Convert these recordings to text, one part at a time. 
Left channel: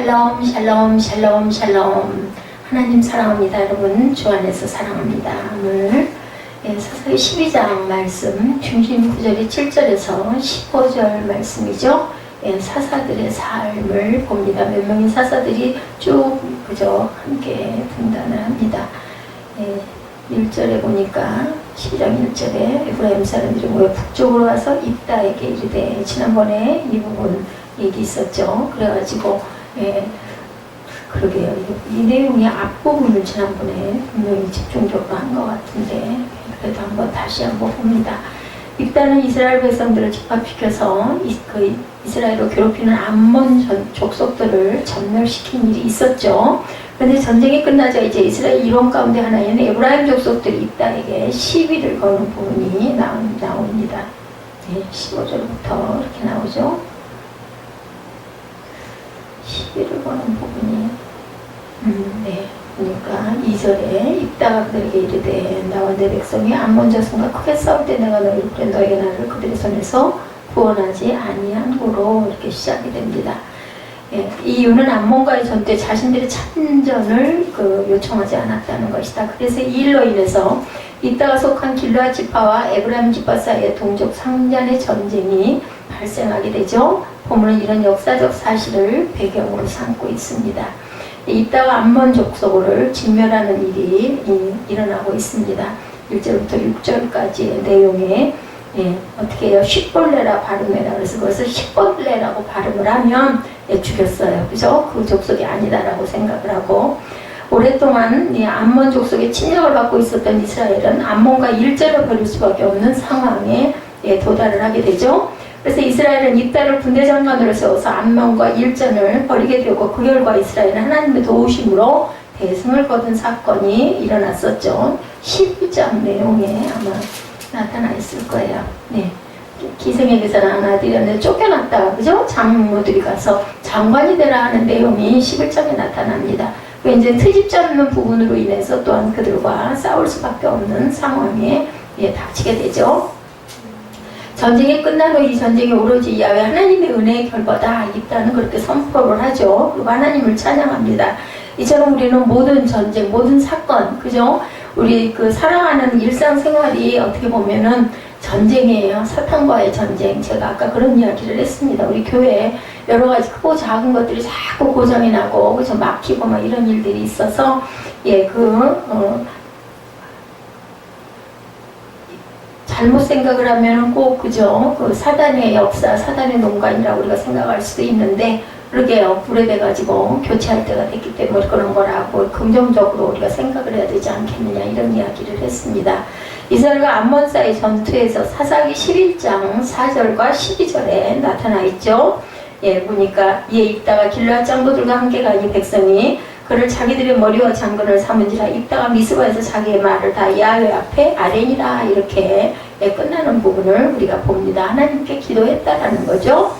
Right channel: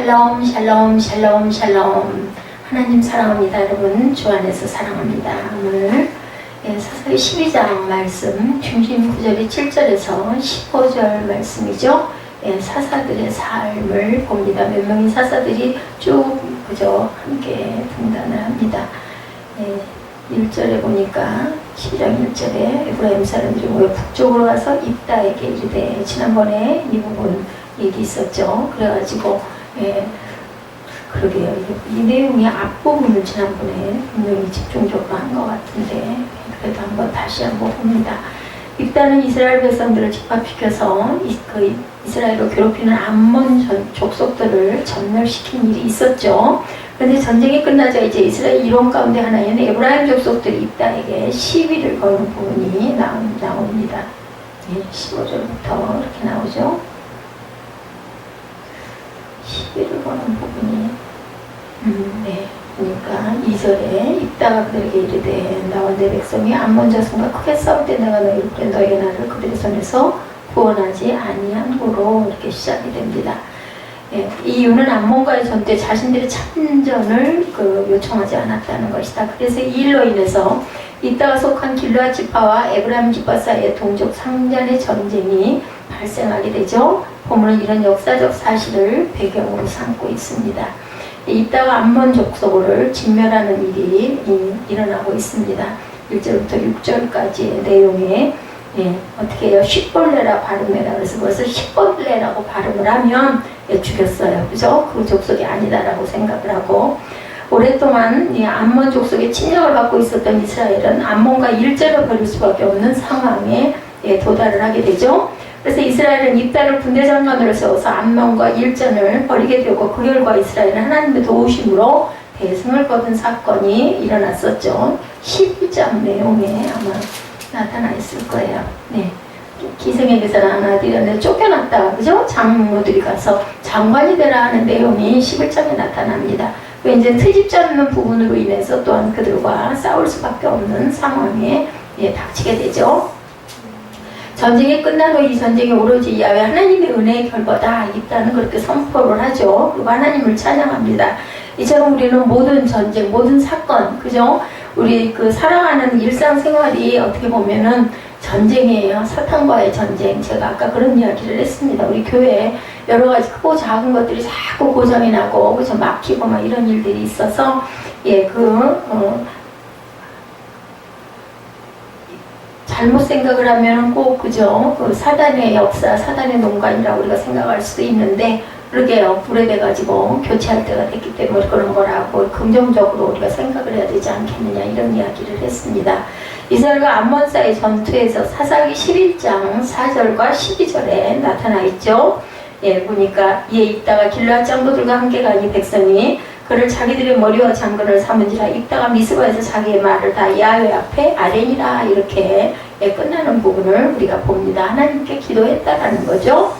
샬롬 샬롬 샬롬 샬롬. 하나님 사랑합니다. 여러분 주 안에서 사랑합니다. 오늘 사사기 12장 말씀 중심 구절이 7절에서 15절 말씀이죠. 사사들의 삶을 봅니다. 몇 명의 사사들이 쭉 그저 함께 등단을 합니다. 1절에 보니까 12장 1절에 에브라임 사람들이 모여 북쪽으로 와서 입다에게 이르되, 지난번에 이 부분 얘기 있었죠. 그래가지고 그러게요. 이 내용의 앞부분을 지난번에 분명히 집중적으로 한 것 같은데 그래도 한번 다시 한번 봅니다. 입다는 이스라엘 백성들을 집합시켜서 이스라엘을 괴롭히는 암몬 족속들을 전멸시킨 일이 있었죠. 그런데 전쟁이 끝나자 이제 이스라엘 이론 가운데 하나인 에브라임 족속들이 입다에게 시비를 거는 부분이 나옵니다. 15절부터 이렇게 나오죠. 시비를 거는 부분이 그러니까 2절에 입다가 그들에게 이르되, 나와 내 백성이 암몬 자손과 크게 싸울 때 내가 너희가 나를 그들의 손에서 구원하지 아니함으로 이렇게 시작이 됩니다. 이 이유는 암몬과의 전 때 자신들이 참전을 요청하지 않았다는 것이다. 그래서 이 일로 인해서 입다가 속한 길르앗 지파와 에브라임 지파 사이에 동족 상잔의 전쟁이 발생하게 되죠. 본문은 이런 역사적 사실을 배경으로 삼고 있습니다. 입다가 암몬 족속을 진멸하는 일이 일어나고 있습니다. 1절부터 6절까지의 내용에 어떻게 해요? 십벌레라 발음해라. 그래서 그것을 십벌레라고 발음을 하면 죽였어요. 그죠? 그 족속이 아니다라고 생각을 하고, 오랫동안 암몬 족속의 침략을 받고 있었던 이스라엘은 암몬과 일제를 벌일 수밖에 없는 상황에 도달을 하게 되죠. 그래서 이스라엘은 입다를 군대장관으로 세워서 암몬과 일전을 벌이게 되고, 그 결과 이스라엘은 하나님의 도우심으로 대승을 거둔 사건이 일어났었죠. 11장 내용에 아마 나타나 있을 거예요. 기생에게서는 하나 드렸는데 쫓겨났다가, 그죠? 장모들이 가서 장관이 되라 하는 내용이 11장에 나타납니다. 이제 트집 잡는 부분으로 인해서 또한 그들과 싸울 수밖에 없는 상황에 닥치게 되죠. 전쟁이 끝난 후 이 전쟁이 오로지 야훼 하나님의 은혜의 결과다. 입다는 그렇게 선포를 하죠. 그리고 하나님을 찬양합니다. 이처럼 우리는 모든 전쟁, 모든 사건, 그죠? 우리 살아가는 일상생활이 어떻게 보면은 전쟁이에요. 사탄과의 전쟁. 제가 아까 그런 이야기를 했습니다. 우리 교회에 여러 가지 크고 작은 것들이 자꾸 고장이 나고, 그죠? 막히고 막 이런 일들이 있어서, 잘못 생각을 하면 꼭, 그죠? 사단의 역사, 사단의 농간이라고 우리가 생각할 수도 있는데, 그러게요. 불에 대가지고 교체할 때가 됐기 때문에 그런 거라고 긍정적으로 우리가 생각을 해야 되지 않겠느냐, 이런 이야기를 했습니다. 이스라엘과 암몬 사이 전투에서 사사기 11장 4절과 12절에 나타나 있죠. 보니까 이에 입다가 길르앗 장로들과 함께 가니 백성이 그를 자기들의 머리와 장근을 삼은지라. 입다가 미스바에서 자기의 말을 다 야훼 앞에 아뢰니라. 이렇게 끝나는 부분을 우리가 봅니다. 하나님께 기도했다라는 거죠.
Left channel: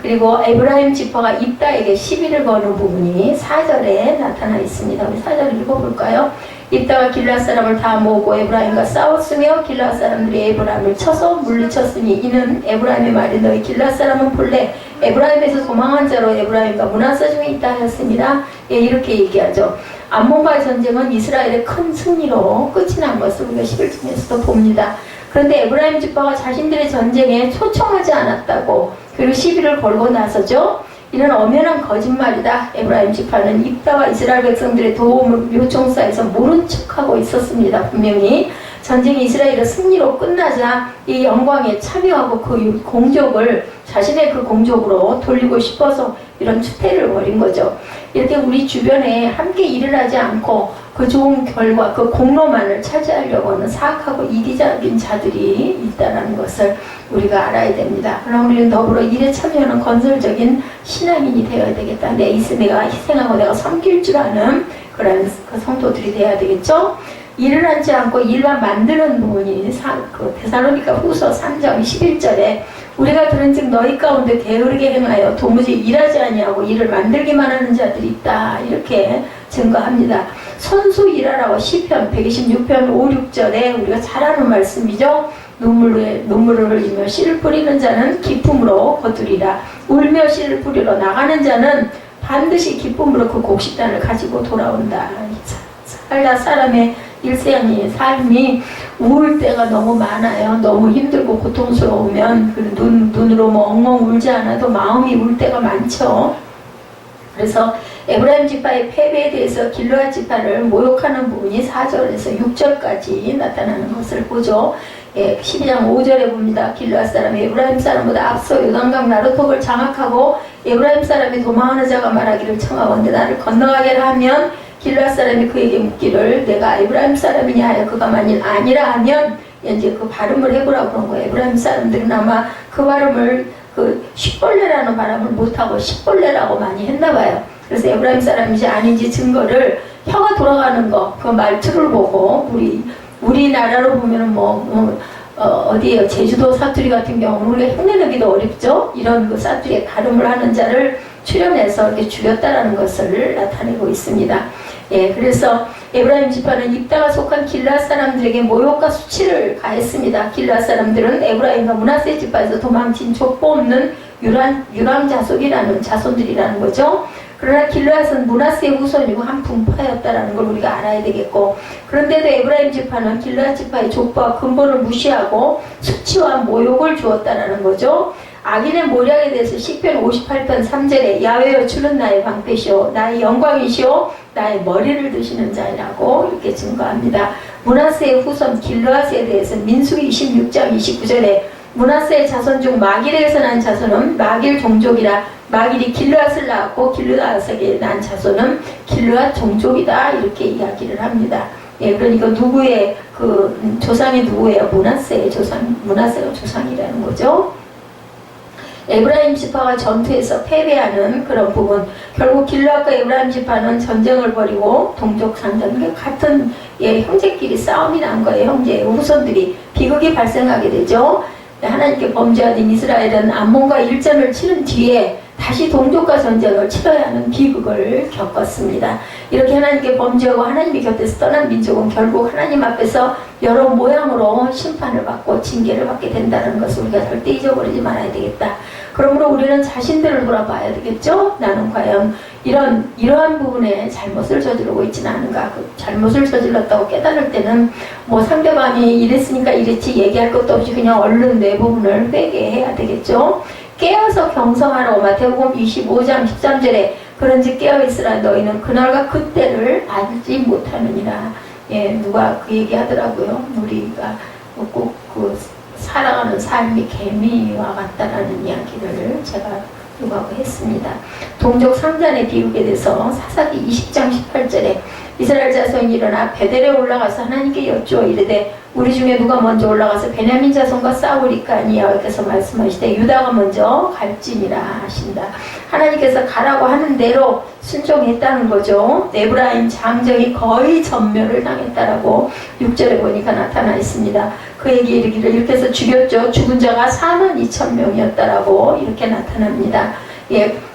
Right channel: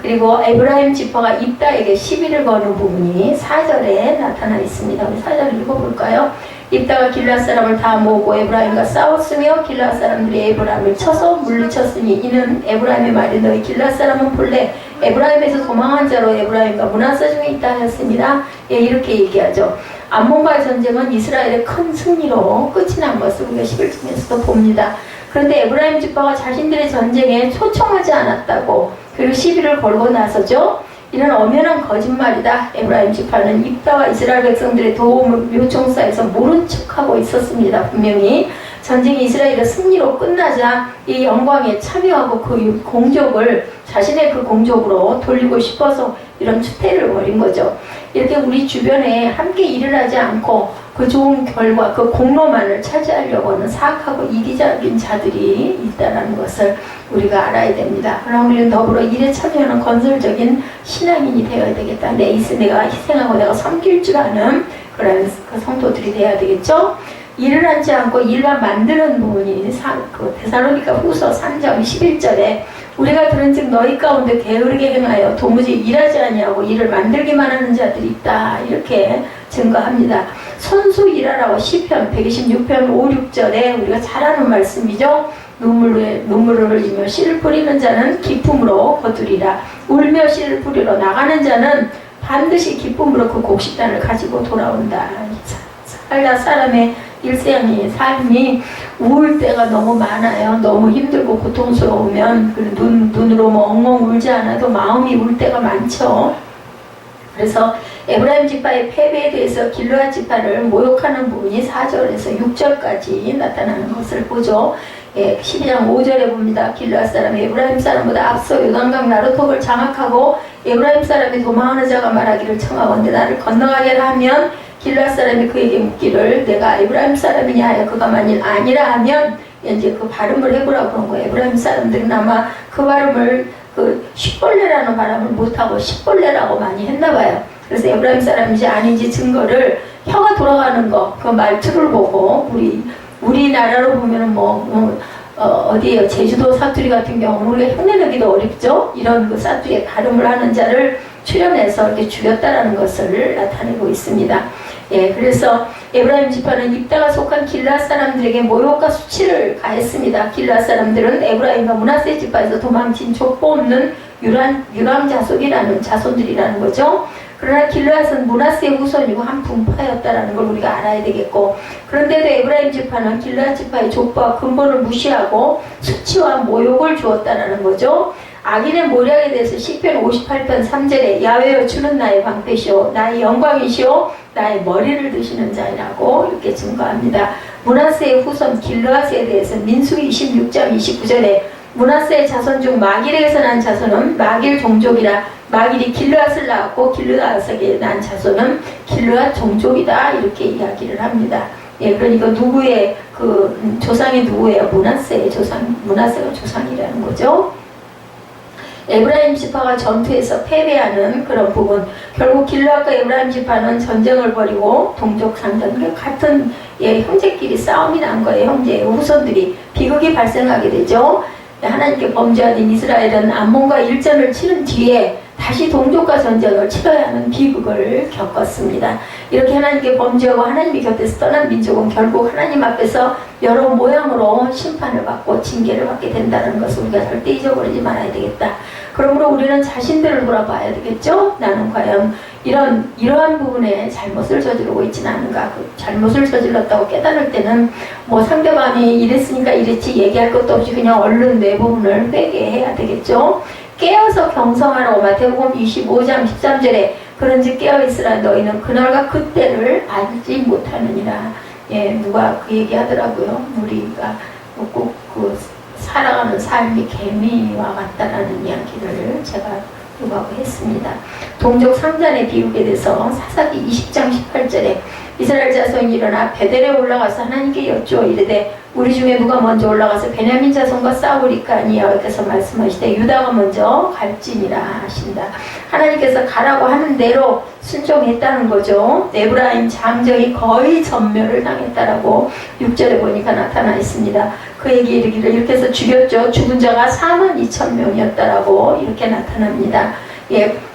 그리고 에브라임 지파가 입다에게 시비를 거는 부분이 4절에 나타나 있습니다. 우리 4절 읽어볼까요? 입다가 길르앗 사람을 다 모으고 에브라임과 싸웠으며 길르앗 사람들이 에브라임을 쳐서 물리쳤으니, 이는 에브라임의 말이 너희 길르앗 사람은 본래 에브라임에서 도망한 자로 에브라임과 문하사 중에 있다 하였습니다. 이렇게 얘기하죠. 암몬과의 전쟁은 이스라엘의 큰 승리로 끝이 난 것을 우리가 11장에서도 봅니다. 그런데 에브라임 지파가 자신들의 전쟁에 초청하지 않았다고, 그리고 시비를 걸고 나서죠. 이런 엄연한 거짓말이다. 에브라임 지파는 입다와 이스라엘 백성들의 도움을 요청사에서 모른 척하고 있었습니다. 분명히 전쟁이 이스라엘의 승리로 끝나자 이 영광에 참여하고 그 공적을 자신의 그 공적으로 돌리고 싶어서 이런 추태를 벌인 거죠. 이렇게 우리 주변에 함께 일을 하지 않고 그 좋은 결과, 그 공로만을 차지하려고 하는 사악하고 이기적인 자들이 있다는 것을 우리가 알아야 됩니다. 그럼 우리는 더불어 일에 참여하는 건설적인 신앙인이 되어야 되겠다. 내가 희생하고 내가 섬길 줄 아는 그런 성도들이 되어야 되겠죠. 일을 하지 않고 일만 만드는 부분이 데살로니가 후서 3장 11절에 우리가 들은즉 너희 가운데 게으르게 행하여 도무지 일하지 아니하고 일을 만들기만 하는 자들이 있다. 이렇게 증거합니다. 손수 일하라고 시편 126편 5, 6절에 우리가 잘 아는 말씀이죠. 눈물을 흘리며 씨를 뿌리는 자는 기쁨으로 거두리라. 울며 씨를 뿌리러 나가는 자는 반드시 기쁨으로 그 곡식단을 가지고 돌아온다. 살다 사람의 일생이 삶이 우울 때가 너무 많아요. 너무 힘들고 고통스러우면 눈으로 뭐 엉엉 울지 않아도 마음이 울 때가 많죠. 그래서 에브라임 지파의 패배에 대해서 길르앗 지파를 모욕하는 부분이 4절에서 6절까지 나타나는 것을 보죠. 12장 5절에 봅니다. 길르앗 사람이 에브라임 사람보다 앞서 요단강 나루톱을 장악하고 에브라임 사람이 도망하는 자가 말하기를 청하건대 나를 건너가게 하면 길르앗 사람이 그에게 묻기를 내가 에브라임 사람이냐 하여 그가 만일 아니라 하면 이제 그 발음을 해보라고 그런 거예요. 에브라임 사람들은 아마 그 발음을 십벌레라는 발음을 못하고 십벌레라고 많이 했나봐요. 그래서 에브라임 사람인지 아닌지 증거를 혀가 돌아가는 거, 그 말투를 보고 우리나라로 보면은 어디에요? 제주도 사투리 같은 경우는 우리가 흉내내기도 어렵죠? 이런 그 사투리의 발음을 하는 자를 출연해서 이렇게 죽였다라는 것을 나타내고 있습니다. 그래서 에브라임 지파는 입다가 속한 길르앗 사람들에게 모욕과 수치를 가했습니다. 길르앗 사람들은 에브라임과 므낫세 지파에서 도망친 족보 없는 유람 자손이라는 자손들이라는 거죠. 그러나 길르앗은 므낫세의 후손이고 한 분파였다라는 걸 우리가 알아야 되겠고, 그런데도 에브라임 지파는 길르앗 지파의 족보와 근본을 무시하고 수치와 모욕을 주었다라는 거죠. 악인의 모략에 대해서 시편 58편 3절에 야훼여 주는 나의 방패시오 나의 영광이시오 나의 머리를 드시는 자이라고 이렇게 증거합니다. 므낫세의 후손 길르앗에 대해서 민수기 26장 29절에 므낫세의 자손 중 마길에서 난 자손은 마길 종족이라 마길이 길르앗을 낳았고 길르앗에게 난 자손은 길르앗 종족이다 이렇게 이야기를 합니다. 그러니까 누구의 조상이 누구예요? 므낫세의 조상, 므낫세가 조상이라는 거죠. 에브라임 지파가 전투에서 패배하는 그런 부분, 결국 길르앗과 에브라임 지파는 전쟁을 벌이고 동족 상전, 같은 형제끼리 싸움이 난 거예요. 형제의 후손들이 비극이 발생하게 되죠. 하나님께 범죄하던 이스라엘은 암몬과 일전을 치른 뒤에 다시 동족과 전쟁을 치러야 하는 비극을 겪었습니다. 이렇게 하나님께 범죄하고 하나님의 곁에서 떠난 민족은 결국 하나님 앞에서 여러 모양으로 심판을 받고 징계를 받게 된다는 것을 우리가 절대 잊어버리지 말아야 되겠다. 그러므로 우리는 자신들을 돌아봐야 되겠죠? 나는 과연 이러한 부분에 잘못을 저지르고 있지는 않은가? 그 잘못을 저질렀다고 깨달을 때는 상대방이 이랬으니까 이랬지 얘기할 것도 없이 그냥 얼른 내 부분을 회개해야 되겠죠? 깨어서 경성하라고 마태복음 25장 13절에 그런즉 깨어있으라 너희는 그날과 그때를 알지 못하느니라. 누가 그 얘기 하더라고요. 우리가 꼭 살아가는 삶이 개미와 같다라는 이야기를 제가 요구하고 했습니다. 동족 상잔의 비극에 대해서 사사기 20장 18절에 이스라엘 자손이 일어나 베델에 올라가서 하나님께 여쭈어 이르되 우리 중에 누가 먼저 올라가서 베냐민 자손과 싸우리까 하니 여호와께서 말씀하시되 유다가 먼저 갈지니라 하신다. 하나님께서 가라고 하는 대로 순종했다는 거죠. 에브라임 장정이 거의 전멸을 당했다라고 6절에 보니까 나타나 있습니다. 그에게 이르기를 이렇게 해서 죽였죠. 죽은 자가 42,000명이었다라고 이렇게 나타납니다.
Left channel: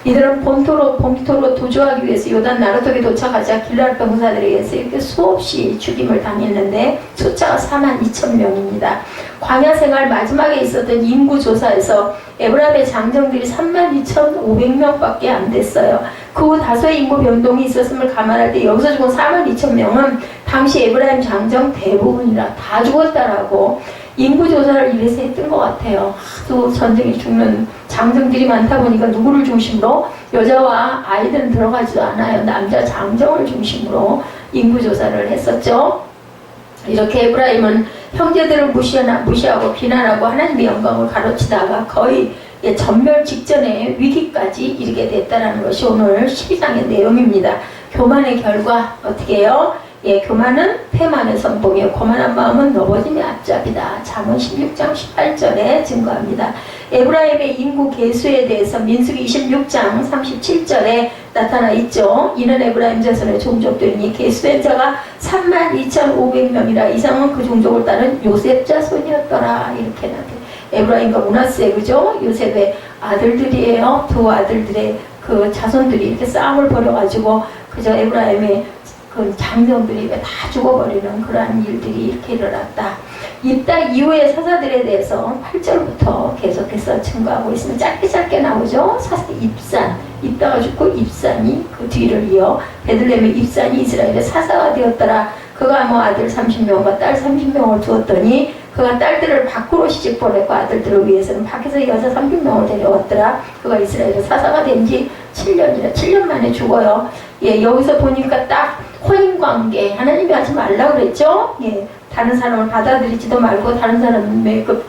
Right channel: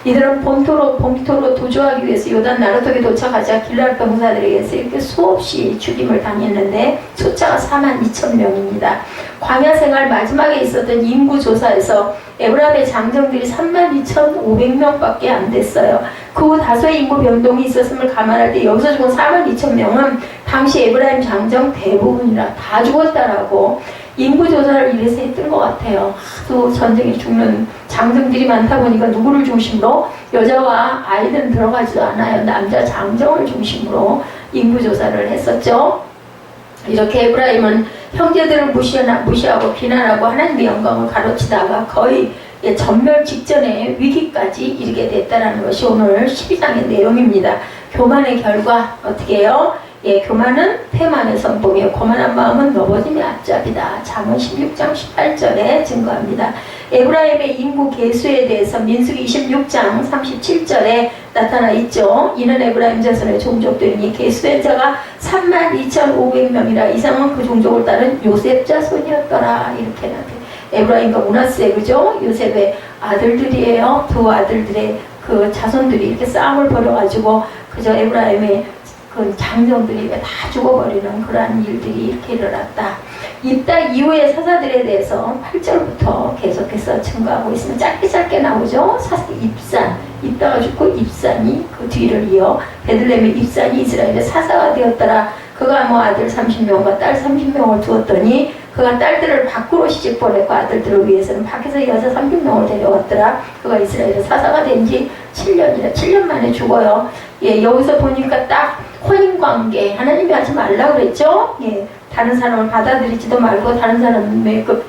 이들은 본토로 도주하기 위해서 요단 나루톱에 도착하자 길르앗 병사들에 의해서 이렇게 수없이 죽임을 당했는데 숫자가 42,000명입니다. 광야 생활 마지막에 있었던 인구 조사에서 에브라임의 장정들이 32,500명밖에 안 됐어요. 그 후 다소의 인구 변동이 있었음을 감안할 때 여기서 죽은 42,000명은 당시 에브라임 장정 대부분이라 다 죽었다라고 인구 조사를 이래서 했던 것 같아요. 하도 전쟁에 죽는 장정들이 많다 보니까 누구를 중심으로? 여자와 아이들은 들어가지도 않아요. 남자 장정을 중심으로 인구 조사를 했었죠. 이렇게 에브라임은 형제들을 무시하고 비난하고 하나님의 영광을 가로치다가 거의 전멸 직전의 위기까지 이르게 됐다는 것이 오늘 12장의 내용입니다. 교만의 결과 어떻게 해요? 교만은 패만의 선봉이요 거만한 마음은 넘어짐의 앞잡이다. 잠언 16장 18절에 증거합니다. 에브라임의 인구 계수에 대해서 민수기 26장 37절에 나타나 있죠. 이는 에브라임 자손의 종족들이니 계수된 자가 32,500명이라 이상은 그 종족을 따른 요셉 자손이었더라. 이렇게 나타나. 에브라임과 므낫세, 그죠? 요셉의 아들들이에요. 두 아들들의 그 자손들이 이렇게 싸움을 벌여가지고 그저 에브라임의 그 장정들이 다 죽어버리는 그러한 일들이 이렇게 일어났다. 입다 이후의 사사들에 대해서 8절부터 계속해서 증거하고 있으면 짧게 나오죠. 입산, 있다가 죽고 입산이 그 뒤를 이어 베들레헴의 입산이 이스라엘의 사사가 되었더라. 그가 뭐 아들 30명과 딸 30명을 두었더니 그가 딸들을 밖으로 시집 보냈고 아들들을 위해서는 밖에서 여자 30명을 데려왔더라. 그가 이스라엘의 사사가 된 지 7년이라 7년 만에 죽어요. 예, 여기서 보니까 딱 혼인관계 하나님이 하지 말라 그랬죠. 예, 다른 사람을 받아들이지도 말고 다른 사람의 그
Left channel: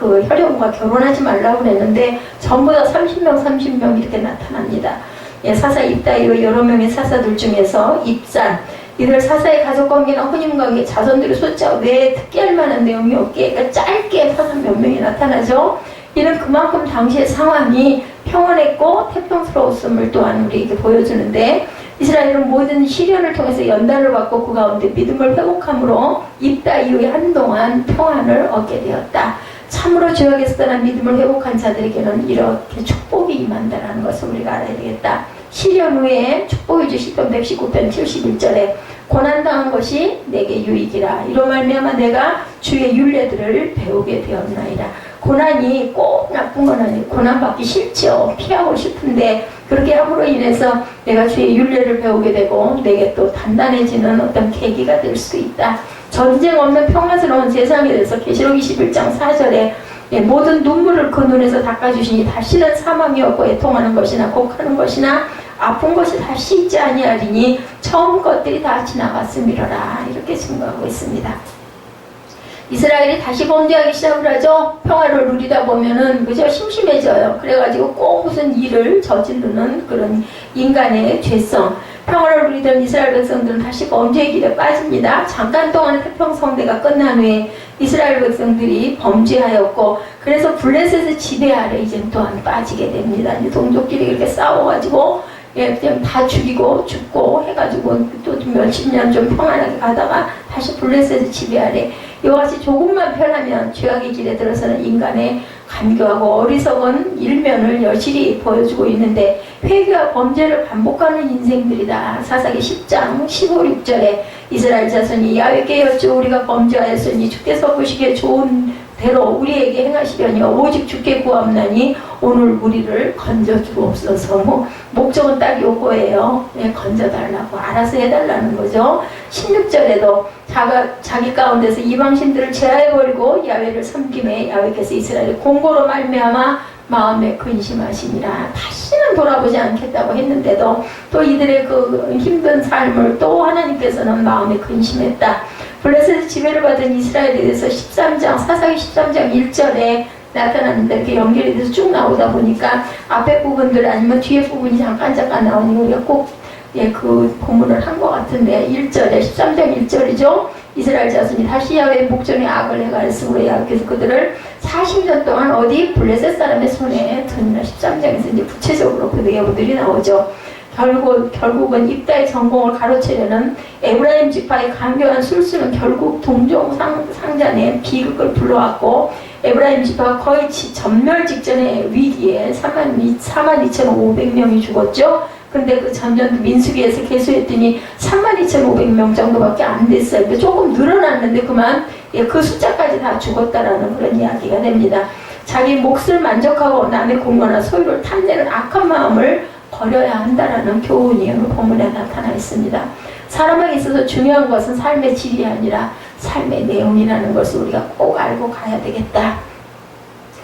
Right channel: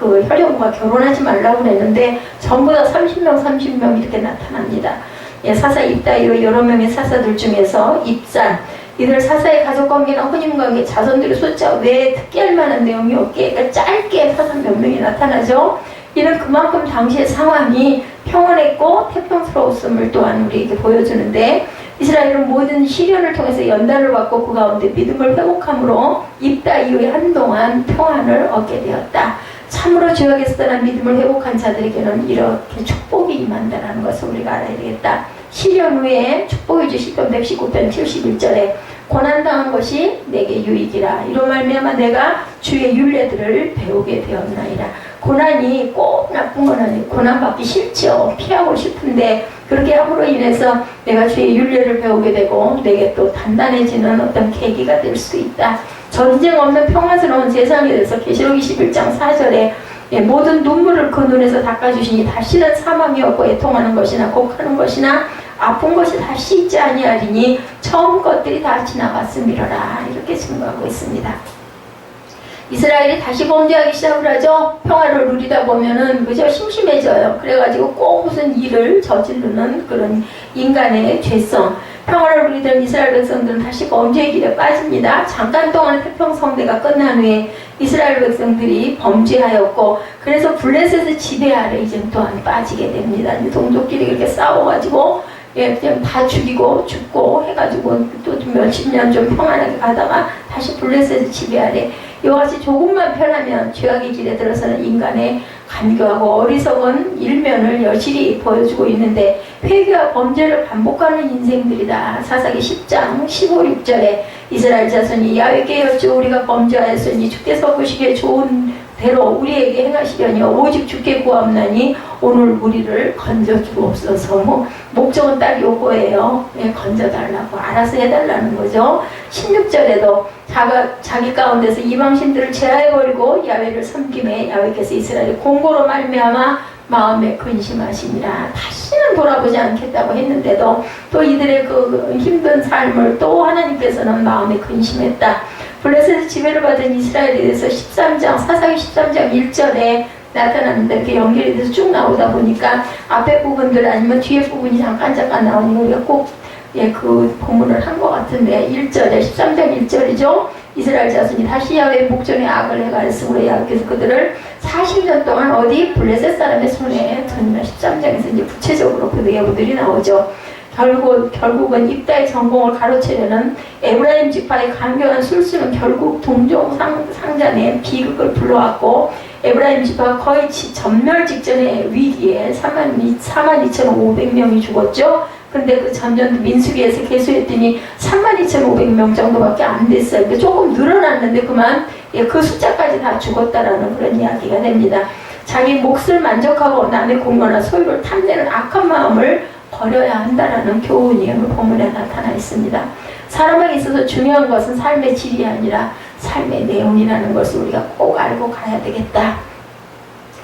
혈연과 결혼하지 말라고 그랬는데 전부 다 30명 이렇게 나타납니다. 예, 사사 입다이로 여러 명의 사사들 중에서 입산 이들 사사의 가족관계나 혼인관계 자손들의 숫자 외에 특기할 만한 내용이 없게 그러니까 짧게 사사 몇 명이 나타나죠. 이는 그만큼 당시의 상황이 평온했고 태평스러웠음을 또한 우리에게 보여주는데 이스라엘은 모든 시련을 통해서 연단을 받고 그 가운데 믿음을 회복함으로 입다 이후에 한동안 평안을 얻게 되었다. 참으로 죄악에서 떠난 믿음을 회복한 자들에게는 이렇게 축복이 임한다는 것을 우리가 알아야 되겠다. 시련 후에 축복이 주시던 119편 71절에 고난당한 것이 내게 유익이라. 이로 말미암아 내가 주의 율례들을 배우게 되었나이다. 고난이 꼭 나쁜 건 아니에요. 고난받기 싫죠. 피하고 싶은데 그렇게 함으로 인해서 내가 주의 율례를 배우게 되고 내게 또 단단해지는 어떤 계기가 될 수 있다. 전쟁 없는 평화스러운 세상에 대해서 계시록 21장 4절에 예, 모든 눈물을 그 눈에서 닦아주시니 다시는 사망이 없고 애통하는 것이나 곡하는 것이나 아픈 것이 다시 있지 아니하리니 처음 것들이 다 지나갔음이러라. 이렇게 증거하고 있습니다. 이스라엘이 다시 범죄하기 시작을 하죠. 평화를 누리다 보면은 그저 심심해져요. 그래가지고 꼭 무슨 일을 저지르는 그런 인간의 죄성. 평화를 누리던 이스라엘 백성들은 다시 범죄의 길에 빠집니다. 잠깐 동안 태평성대가 끝난 후에 이스라엘 백성들이 범죄하였고 그래서 블레셋의 지배 아래 이제 또한 빠지게 됩니다. 이제 동족끼리 이렇게 싸워가지고 예, 그냥 다 죽이고 죽고 해가지고 또 몇십 년 좀 평안하게 가다가 다시 블레셋의 지배 아래 이와 같이 조금만 편하면 죄악의 길에 들어서는 인간의 간교하고 어리석은 일면을 여실히 보여주고 있는데 회개와 범죄를 반복하는 인생들이다. 사사기 10장 15, 6절에 이스라엘 자손이 야훼께 여쭈어 우리가 범죄하였으니 주께서 보시기에 좋은 대로 우리에게 행하시려니와 오직 주께 구하옵나니 오늘 우리를 건져주옵소서. 뭐 목적은 딱 요거예요. 예, 건져달라고 알아서 해달라는 거죠. 16절에도 자기 가운데서 이방신들을 제하해버리고 야훼를 섬김에 야훼께서 이스라엘의 공고로 말미암아 마음에 근심하시니라. 다시는 돌아보지 않겠다고 했는데도 또 이들의 그 힘든 삶을 또 하나님께서는 마음에 근심했다. 블레셋의 지배를 받은 이스라엘에 대해서 13장 사사기 13장 1절에 나타나는데 이렇게 연결이 돼서 쭉 나오다 보니까 앞에 부분들 아니면 뒤에 부분이 잠깐 나오니까 우리가 꼭 예, 그 본문을 한 것 같은데 1절에 13장 1절이죠. 이스라엘 자손이 다시 야훼의 목전에 악을 행하였으므로 야훼께서 그들을 40년 동안 어디 블레셋 사람의 손에 던지나 13장에서 이제 구체적으로 그 내용들이 나오죠. 결국은 입다의 전공을 가로채려는 에브라임 지파의 강경한 술수는 결국 동종 상잔의 비극을 불러왔고 에브라임 지파가 거의 전멸 직전의 위기에 42,500명이 죽었죠. 근데 그 전년도 민수기에서 계수했더니 32,500명 정도밖에 안 됐어요. 그러니까 조금 늘어났는데 그만 그 숫자까지 다 죽었다라는 그런 이야기가 됩니다. 자기 몫을 만족하고 남의 공로나 소유를 탐내는 악한 마음을 버려야 한다라는 교훈이 오늘 본문에 나타나 있습니다. 사람에게 있어서 중요한 것은 삶의 질이 아니라 삶의 내용이라는 것을 우리가 꼭 알고 가야 되겠다.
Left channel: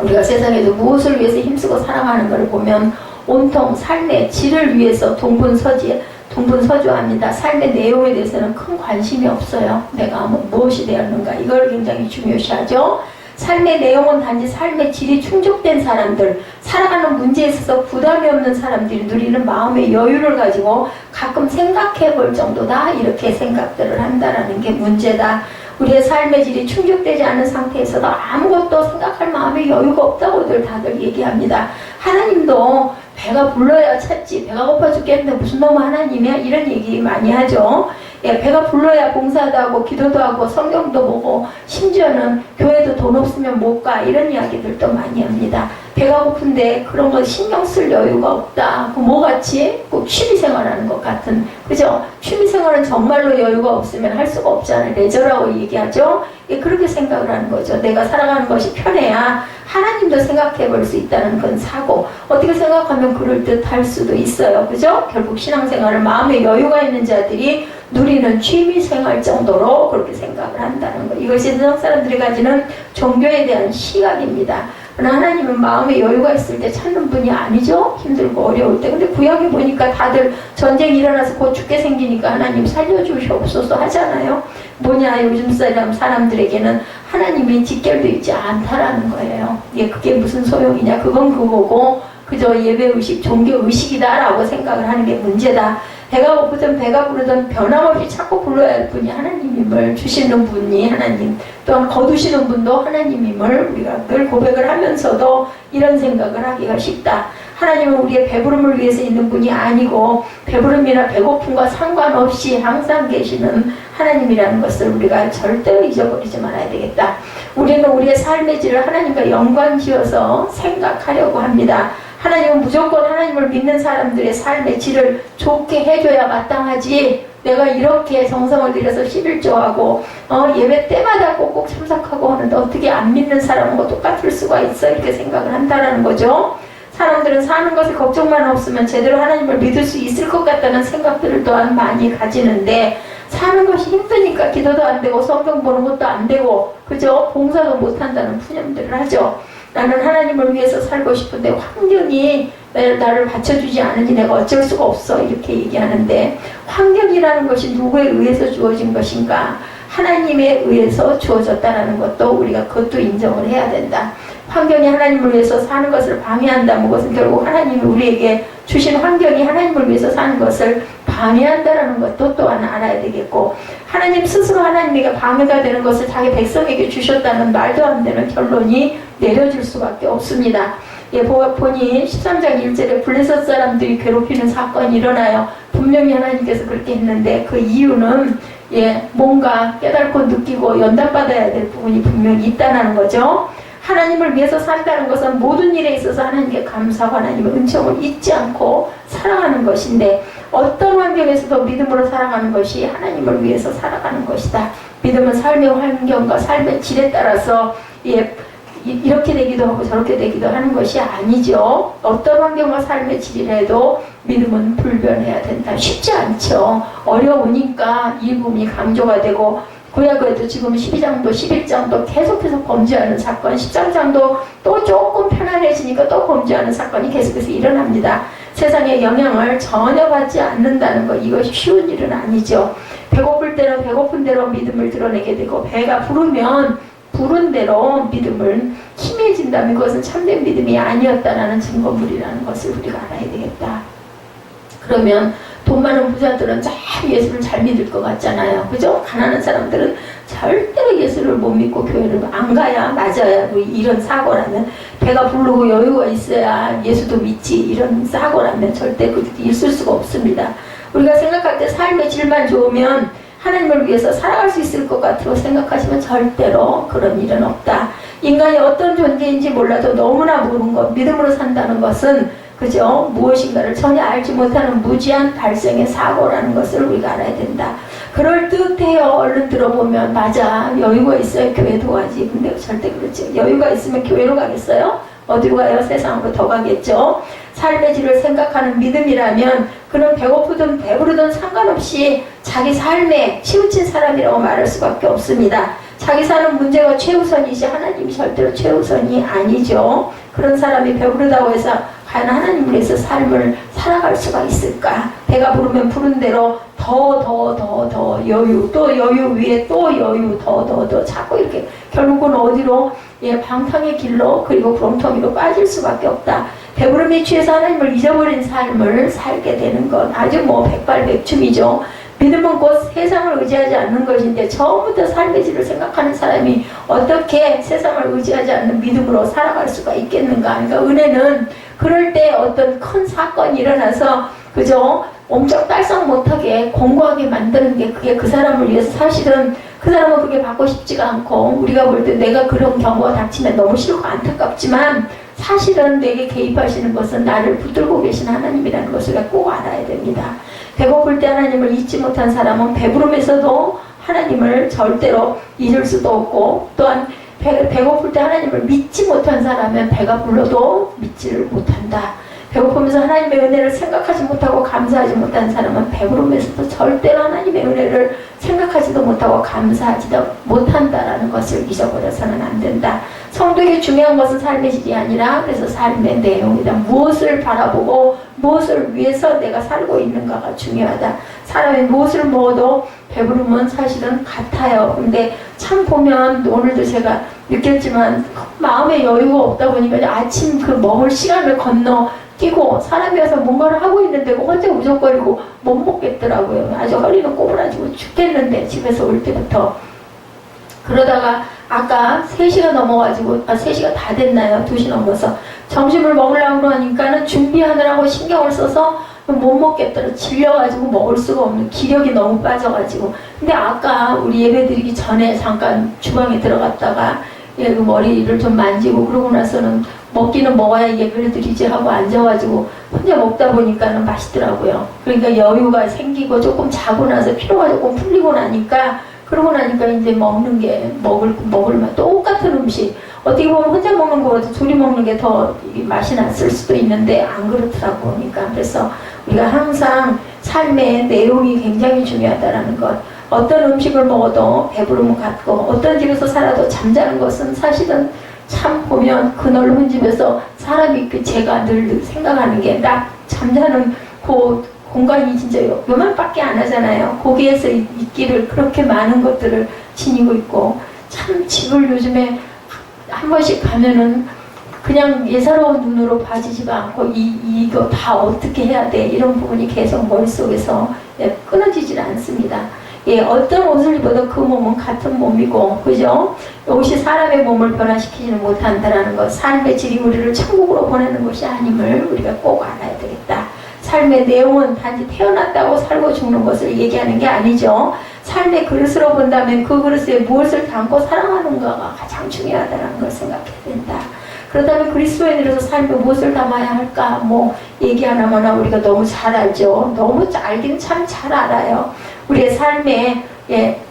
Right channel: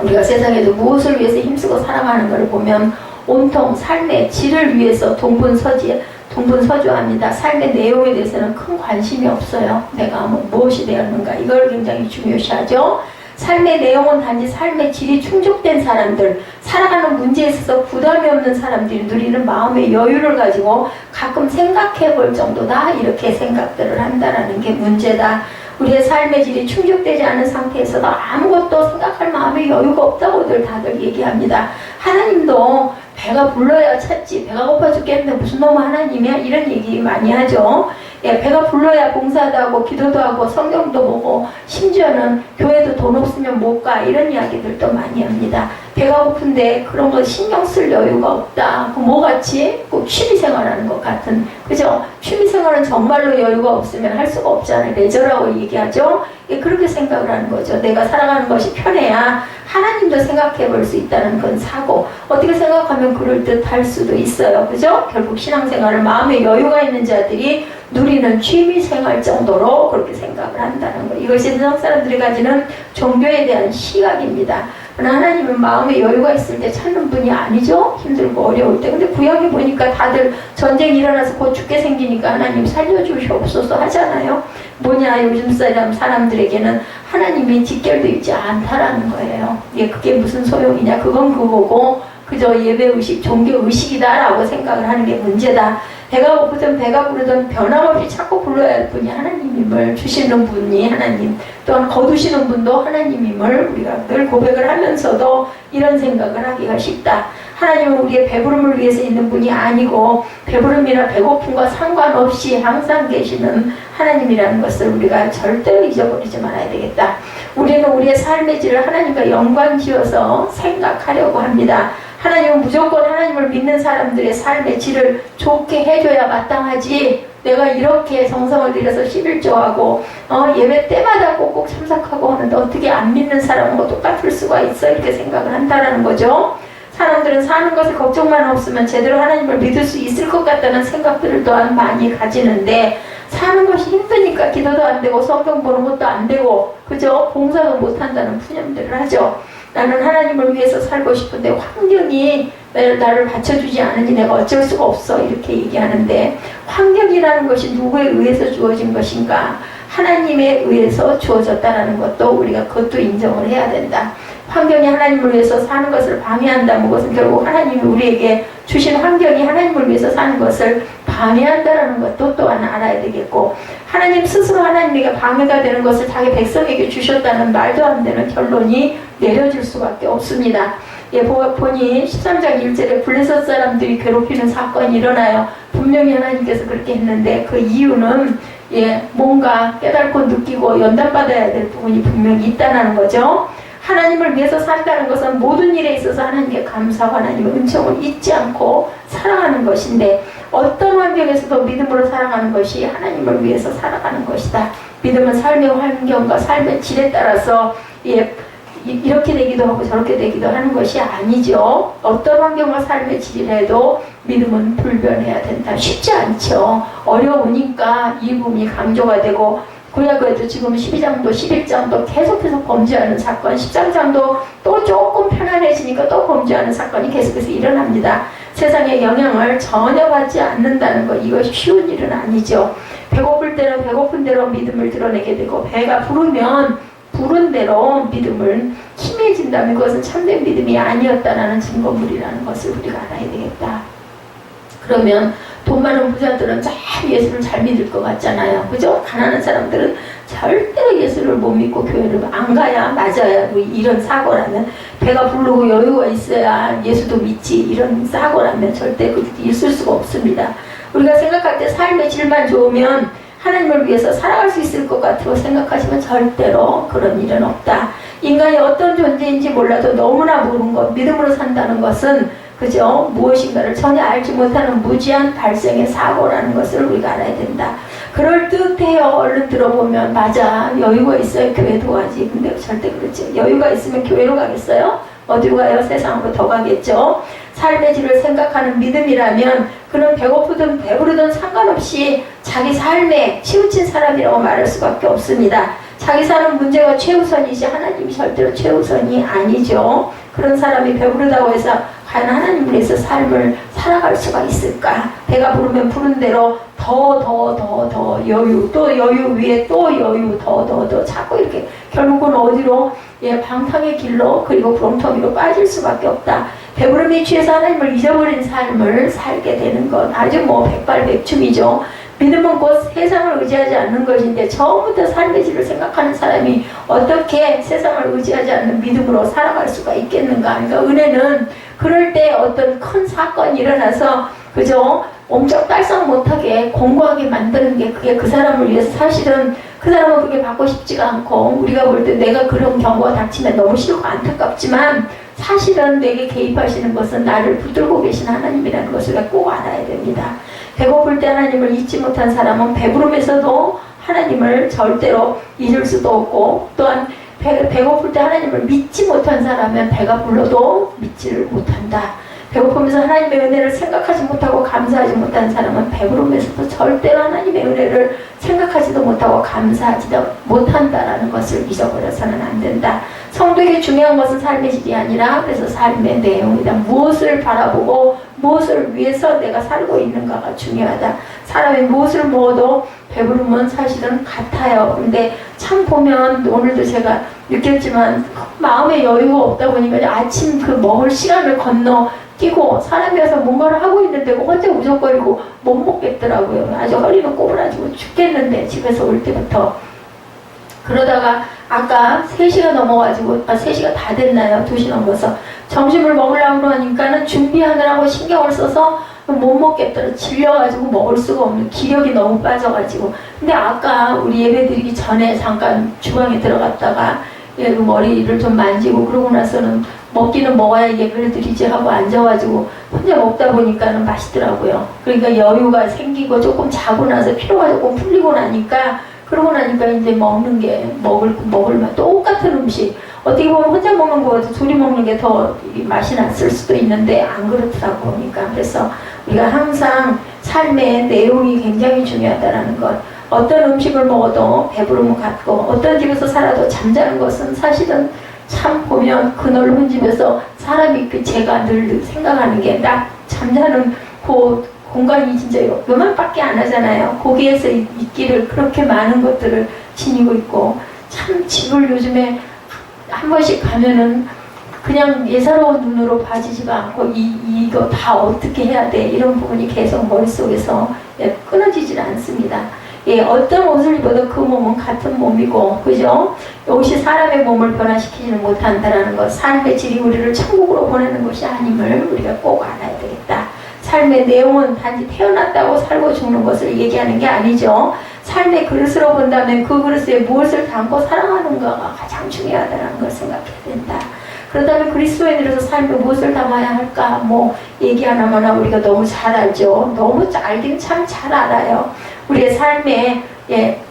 우리가 세상에서 무엇을 위해서 힘쓰고 살아가는 것을 보면 온통 삶의 질을 위해서 동분서주합니다. 삶의 내용에 대해서는 큰 관심이 없어요. 내가 무엇이 되었는가 이걸 굉장히 중요시하죠. 삶의 내용은 단지 삶의 질이 충족된 사람들, 살아가는 문제에 있어서 부담이 없는 사람들이 누리는 마음의 여유를 가지고 가끔 생각해 볼 정도다 이렇게 생각들을 한다라는 게 문제다. 우리의 삶의 질이 충족되지 않은 상태에서도 아무것도 생각할 마음의 여유가 없다고들 다들 얘기합니다. 하나님도 배가 불러야 찾지 배가 고파 죽겠는데 무슨 놈의 하나님이야 이런 얘기 많이 하죠. 예, 배가 불러야 봉사도 하고 기도도 하고 성경도 보고 심지어는 교회도 돈 없으면 못 가 이런 이야기들도 많이 합니다. 배가 고픈데 그런 거 신경 쓸 여유가 없다. 뭐같이? 꼭 취미생활하는 것 같은, 그죠? 취미생활은 정말로 여유가 없으면 할 수가 없잖아요. 레저라고 얘기하죠. 예, 그렇게 생각을 하는 거죠. 내가 살아가는 것이 편해야 하나님도 생각해 볼 수 있다는 그런 사고. 어떻게 생각하면 그럴듯 할 수도 있어요. 그죠? 결국 신앙생활을 마음에 여유가 있는 자들이 누리는 취미생활 정도로 그렇게 생각을 한다는 거. 이것이 세상 사람들이 가지는 종교에 대한 시각입니다. 그러나 하나님은 마음에 여유가 있을 때 찾는 분이 아니죠. 힘들고 어려울 때. 근데 구약에 보니까 다들 전쟁이 일어나서 곧 죽게 생기니까 하나님 살려주시옵소서 하잖아요. 뭐냐, 요즘 사람들에게는 하나님이 직결되어 있지 않다라는 거예요. 예, 그게 무슨 소용이냐. 그건 그거고 그저 예배의식, 종교의식이다라고 생각을 하는 게 문제다. 배가 고프든 배가 부르든 변함없이 찾고 불러야 할 분이 하나님임을, 주시는 분이 하나님, 또한 거두시는 분도 하나님임을 우리가 늘 고백을 하면서도 이런 생각을 하기가 쉽다. 하나님은 우리의 배부름을 위해서 있는 분이 아니고 배부름이나 배고픔과 상관없이 항상 계시는 하나님이라는 것을 우리가 절대로 잊어버리지 말아야 되겠다. 우리는 우리의 삶의 질을 하나님과 연관지어서 생각하려고 합니다. 하나님은 무조건 하나님을 믿는 사람들의 삶의 질을 좋게 해줘야 마땅하지, 내가 이렇게 정성을 들여서 11조하고 예배 때마다 꼭꼭 참석하고 하는데 어떻게 안 믿는 사람과 똑같을 수가 있어, 이렇게 생각을 한다는 거죠. 사람들은 사는 것에 걱정만 없으면 제대로 하나님을 믿을 수 있을 것 같다는 생각들을 또한 많이 가지는데, 사는 것이 힘드니까 기도도 안 되고 성경 보는 것도 안 되고 그죠? 봉사도 못한다는 푸념들을 하죠. 나는 하나님을 위해서 살고 싶은데 환경이 나를 받쳐주지 않으니 내가 어쩔 수가 없어, 이렇게 얘기하는데, 환경이라는 것이 누구에 의해서 주어진 것인가? 하나님에 의해서 주어졌다는 것도 우리가 그것도 인정을 해야 된다. 환경이 하나님을 위해서 사는 것을 방해한다는 것은 결국 하나님이 우리에게 주신 환경이 하나님을 위해서 사는 것을 방해한다는 것도 또한 알아야 되겠고, 하나님 스스로 하나님에게 방해가 되는 것을 자기 백성에게 주셨다는 말도 안 되는 결론이 내려질 수밖에 없습니다. 예, 보니 13장 1절에 블레셋 사람들이 괴롭히는 사건이 일어나요. 분명히 하나님께서 그렇게 했는데 그 이유는 뭔가 깨닫고 느끼고 연단받아야 될 부분이 분명히 있다는 거죠. 하나님을 위해서 산다는 것은 모든 일에 있어서 하나님께 감사하고 하나님의 은총을 잊지 않고 살아가는 것인데, 어떤 환경에서도 믿음으로 살아가는 것이 하나님을 위해서 살아가는 것이다. 믿음은 삶의 환경과 삶의 질에 따라서 이렇게 되기도 하고 저렇게 되기도 하는 것이 아니죠. 어떤 환경과 삶의 질이라도 믿음은 불변해야 된다. 쉽지 않죠. 어려우니까 이 부분이 강조가 되고, 구약에도 지금 12장도 11장도 계속해서 범죄하는 사건, 13장도 또 조금 편안해지니까 또 범죄하는 사건이 계속해서 일어납니다. 세상의 영향을 전혀 받지 않는다는 것, 이것이 쉬운 일은 아니죠. 배고플 때는 배고픈 대로 믿음을 드러내게 되고, 배가 부르면 부른 대로 믿음을 힘해진다면 그것은 참된 믿음이 아니었다라는 증거물이라는 것을 우리가 알아야 되겠다. 그러면 돈 많은 부자들은 참 예수를 잘 믿을 것 같잖아요. 그죠? 가난한 사람들은 절대로 예수를 못 믿고 교회를 안 가야 맞아야, 뭐 이런 사고라면, 배가 부르고 여유가 있어야 예수도 믿지, 이런 사고라면 절대 있을 수가 없습니다. 우리가 생각할 때 삶의 질만 좋으면 하나님을 위해서 살아갈 수 있을 것 같다고 생각하시면 절대로 그런 일은 없다. 인간이 어떤 존재인지 몰라도 너무나 모르는 것, 믿음으로 산다는 것은 그죠? 무엇인가를 전혀 알지 못하는 무지한 발생의 사고라는 것을 우리가 알아야 된다. 그럴 듯해요. 얼른 들어보면 맞아, 여유가 있어야 교회도 가지. 근데 절대 그렇죠. 여유가 있으면 교회로 가겠어요? 어디로 가요? 세상으로 더 가겠죠. 삶의 질을 생각하는 믿음이라면 그는 배고프든 배부르든 상관없이 자기 삶에 치우친 사람이라고 말할 수밖에 없습니다. 자기 사는 문제가 최우선이지 하나님이 절대로 최우선이 아니죠. 그런 사람이 배부르다고 해서 과연 하나님을 위해서 삶을 살아갈 수가 있을까? 배가 부르면 부른 대로 더 여유, 또 여유 위에 또 여유, 더 자꾸 이렇게 결국은 어디로? 방탕의 길로, 그리고 구렁텅이로 빠질 수밖에 없다. 배부름에 취해서 하나님을 잊어버린 삶을 살게 되는 것, 아주 백발백중이죠. 믿음은 곧 세상을 의지하지 않는 것인데, 처음부터 삶의 질을 생각하는 사람이 어떻게 세상을 의지하지 않는 믿음으로 살아갈 수가 있겠는가? 그러니까 은혜는 그럴 때 어떤 큰 사건이 일어나서 그죠? 옴짝달싹 못하게 공고하게 만드는 게, 그게 그 사람을 위해서, 사실은 그 사람은 그게 받고 싶지가 않고, 우리가 볼 때 내가 그런 경우가 닥치면 너무 싫고 안타깝지만 사실은 내게 개입하시는 것은 나를 붙들고 계신 하나님이라는 것을 꼭 알아야 됩니다. 배고플 때 하나님을 잊지 못한 사람은 배부름에서도 하나님을 절대로 잊을 수도 없고, 또한 배고플 때 하나님을 믿지 못한 사람은 배가 불러도 믿지를 못한다. 배고프면서 하나님의 은혜를 생각하지 못하고 감사하지 못한 사람은 배부름에서도 절대로 하나님의 은혜를 생각하지도 못하고 감사하지도 못한다라는 것을 잊어버려서는 안 된다. 성도에게 중요한 것은 삶의 질이 아니라 그래서 삶의 내용이다. 무엇을 바라보고 무엇을 위해서 내가 살고 있는가가 중요하다. 사람이 무엇을 먹어도 배부름은 사실은 같아요. 근데 참 보면 오늘도 제가 느꼈지만 마음에 여유가 없다 보니까 아침 그 먹을 시간을 건너 끼고 사람이어서 뭔가를 하고 있는데 혼자 우적거리고 못 먹겠더라고요. 아주 허리는 꼬부라지고 죽겠는데 집에서 올 때부터. 그러다가 아까 3시가 넘어가지고 3시가 다 됐나요? 2시 넘어서 점심을 먹으려고 하니까는 준비하느라고 신경을 써서 못 먹겠더라. 질려가지고 먹을 수가 없는, 기력이 너무 빠져가지고. 근데 아까 우리 예배드리기 전에 잠깐 주방에 들어갔다가 그 머리를 좀 만지고 그러고 나서는 먹기는 먹어야 예배를 드리지 하고 앉아가지고 혼자 먹다 보니까는 맛있더라고요. 그러니까 여유가 생기고 조금 자고 나서 피로가 조금 풀리고 나니까, 그러고 나니까 이제 먹는 게 먹을 맛, 똑같은 음식 어떻게 보면 혼자 먹는 거보다 둘이 먹는 게 더 맛이 났을 수도 있는데 안 그렇더라고. 그러니까 그래서 우리가 항상 삶의 내용이 굉장히 중요하다라는 것. 어떤 음식을 먹어도 배부름을 갖고 어떤 집에서 살아도 잠자는 것은 사실은 참 보면 그 넓은 집에서 사람이 제가 늘 생각하는 게 딱 잠자는 그 공간이 진짜 요만밖에 안 하잖아요. 거기에서 있기를 그렇게 많은 것들을 지니고 있고, 참 집을 요즘에 한 번씩 가면은 그냥 예사로운 눈으로 봐지지가 않고 이거 다 어떻게 해야 돼 이런 부분이 계속 머릿속에서 끊어지질 않습니다. 어떤 옷을 입어도 그 몸은 같은 몸이고, 그죠? 옷이 사람의 몸을 변화시키지는 못한다라는 것, 삶의 질이 우리를 천국으로 보내는 것이 아님을 우리가 꼭 알아야 되겠다. 삶의 내용은 단지 태어났다고 살고 죽는 것을 얘기하는 게 아니죠. 삶의 그릇으로 본다면 그 그릇에 무엇을 담고 살아가는가가 가장 중요하다는 걸 생각해야 된다. 그렇다면 그리스도인으로서 삶에 무엇을 담아야 할까? 얘기 하나마나 우리가 너무 잘 알죠. 너무 알긴 참 잘 알아요. 우리의 삶에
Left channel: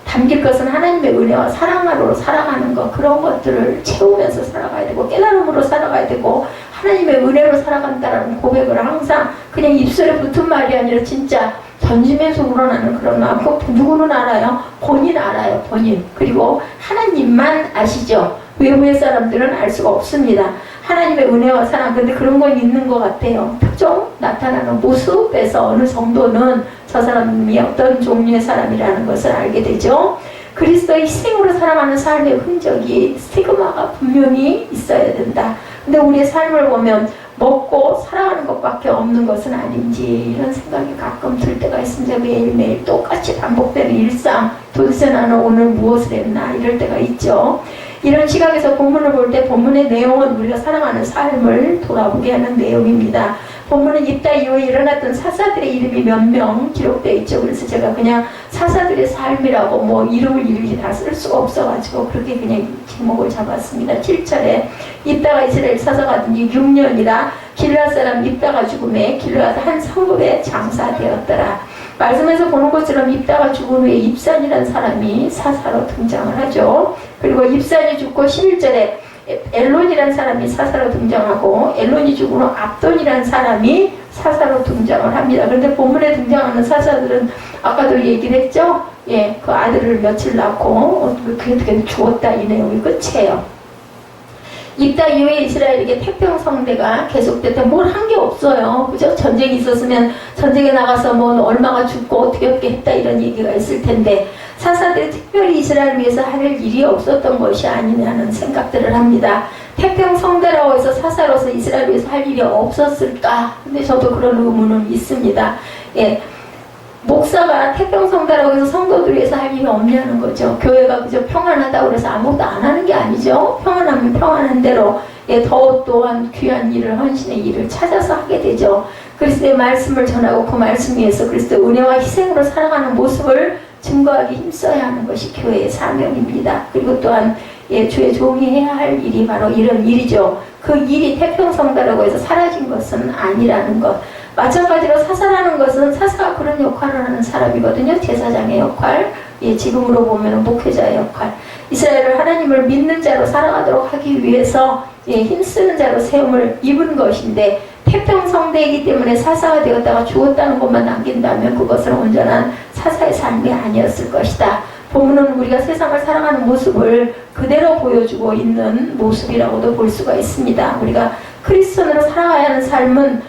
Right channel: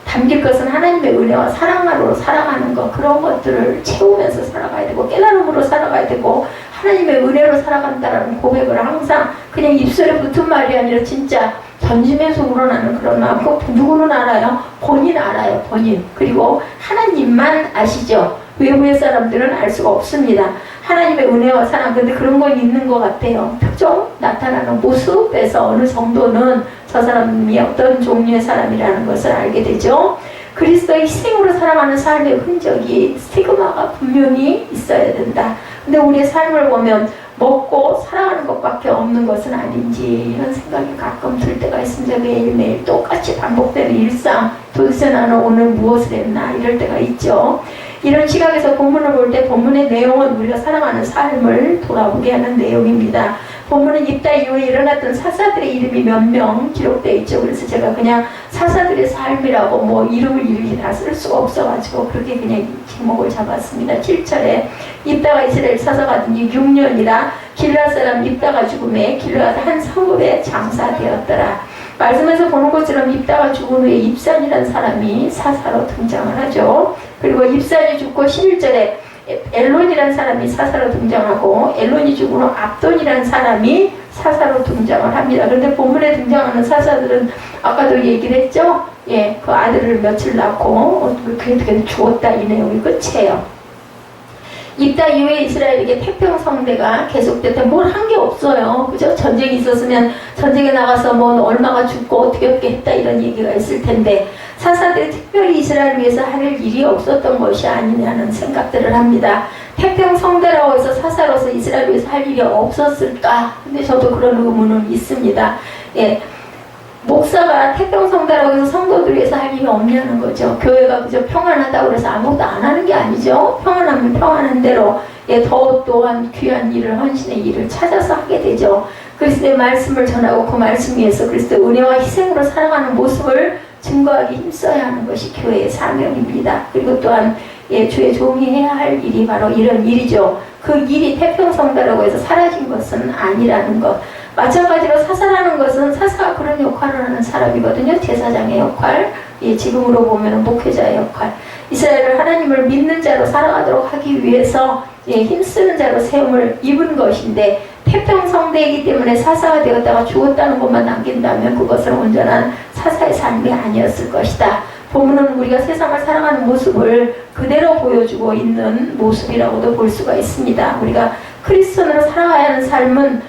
담길 것은 하나님의 은혜와 사랑으로 살아가는 것, 그런 것들을 채우면서 살아가야 되고 깨달음으로 살아가야 되고 하나님의 은혜로 살아간다라는 고백을 항상 그냥 입술에 붙은 말이 아니라 진짜 전심에서 우러나는 그런 마음. 누구는 알아요? 본인 알아요. 본인. 그리고 하나님만 아시죠. 외부의 사람들은 알 수가 없습니다. 하나님의 은혜와 사랑, 근데 그런 건 있는 것 같아요. 특정 나타나는 모습에서 어느 정도는 저 사람이 어떤 종류의 사람이라는 것을 알게 되죠. 그리스도의 희생으로 살아가는 삶의 흔적이 스티그마가 분명히 있어야 된다. 근데 우리의 삶을 보면 먹고 살아가는 것밖에 없는 것은 아닌지 이런 생각이 가끔 들 때가 있습니다. 매일매일 똑같이 반복되는 일상, 도대체 나는 오늘 무엇을 했나 이럴 때가 있죠. 이런 시각에서 본문을 볼 때 본문의 내용은 우리가 살아가는 삶을 돌아보게 하는 내용입니다. 본문은 입다 이후에 일어났던 사사들의 이름이 몇 명 기록되어 있죠. 그래서 제가 그냥 사사들의 삶이라고 이름을 일일이 다 쓸 수가 없어가지고 그렇게 그냥 제목을 잡았습니다. 7절에 입다가 이스라엘 사사가 된 지 6년이라 길르앗 사람 입다가 죽음에 길르앗 한 성읍에 장사되었더라. 말씀에서 보는 것처럼 입다가 죽은 후에 입산이라는 사람이 사사로 등장을 하죠. 그리고 입산이 죽고 11절에 엘론이라는 사람이 사사로 등장하고 엘론이 죽은 후 압돈이라는 사람이 사사로 등장을 합니다. 그런데 본문에 등장하는 사사들은 아까도 얘기를 했죠. 그 아들을 며칠 낳고 그게 죽었다 이 내용이 끝이에요. 입다 이후에 이스라엘에게 태평성대가 계속될 때 뭘 한 게 없어요. 그죠? 전쟁이 있었으면 전쟁에 나가서 얼마가 죽고 어떻게 했다 이런 얘기가 있을 텐데 사사들이 특별히 이스라엘을 위해서 할 일이 없었던 것이 아니냐는 생각들을 합니다. 태평성대라고 해서 사사로서 이스라엘을 위해서 할 일이 없었을까? 근데 저도 그런 의문은 있습니다. 목사가 태평성대라고 해서 성도들 위해서 할 일이 없냐는 거죠. 교회가 그저 평안하다고 해서 아무것도 안 하는 게 아니죠. 평안하면 평안한 대로 더 또한 귀한 일을, 헌신의 일을 찾아서 하게 되죠. 그리스도의 말씀을 전하고 그 말씀 위에서 그리스도의 은혜와 희생으로 살아가는 모습을 증거하기 힘써야 하는 것이 교회의 사명입니다. 그리고 또한 예, 주의 종이 해야 할 일이 바로 이런 일이죠. 그 일이 태평성대라고 해서 사라진 것은 아니라는 것. 마찬가지로 사사라는 것은 사사가 그런 역할을 하는 사람이거든요. 제사장의 역할, 예, 지금으로 보면 목회자의 역할. 이스라엘을 하나님을 믿는 자로 살아가도록 하기 위해서 예, 힘쓰는 자로 세움을 입은 것인데, 태평성대이기 때문에 사사가 되었다가 죽었다는 것만 남긴다면 그것은 온전한 사사의 삶이 아니었을 것이다. 본문은 우리가 세상을 살아가는 모습을 그대로 보여주고 있는 모습이라고도 볼 수가 있습니다. 우리가 크리스천으로 살아가야 하는 삶은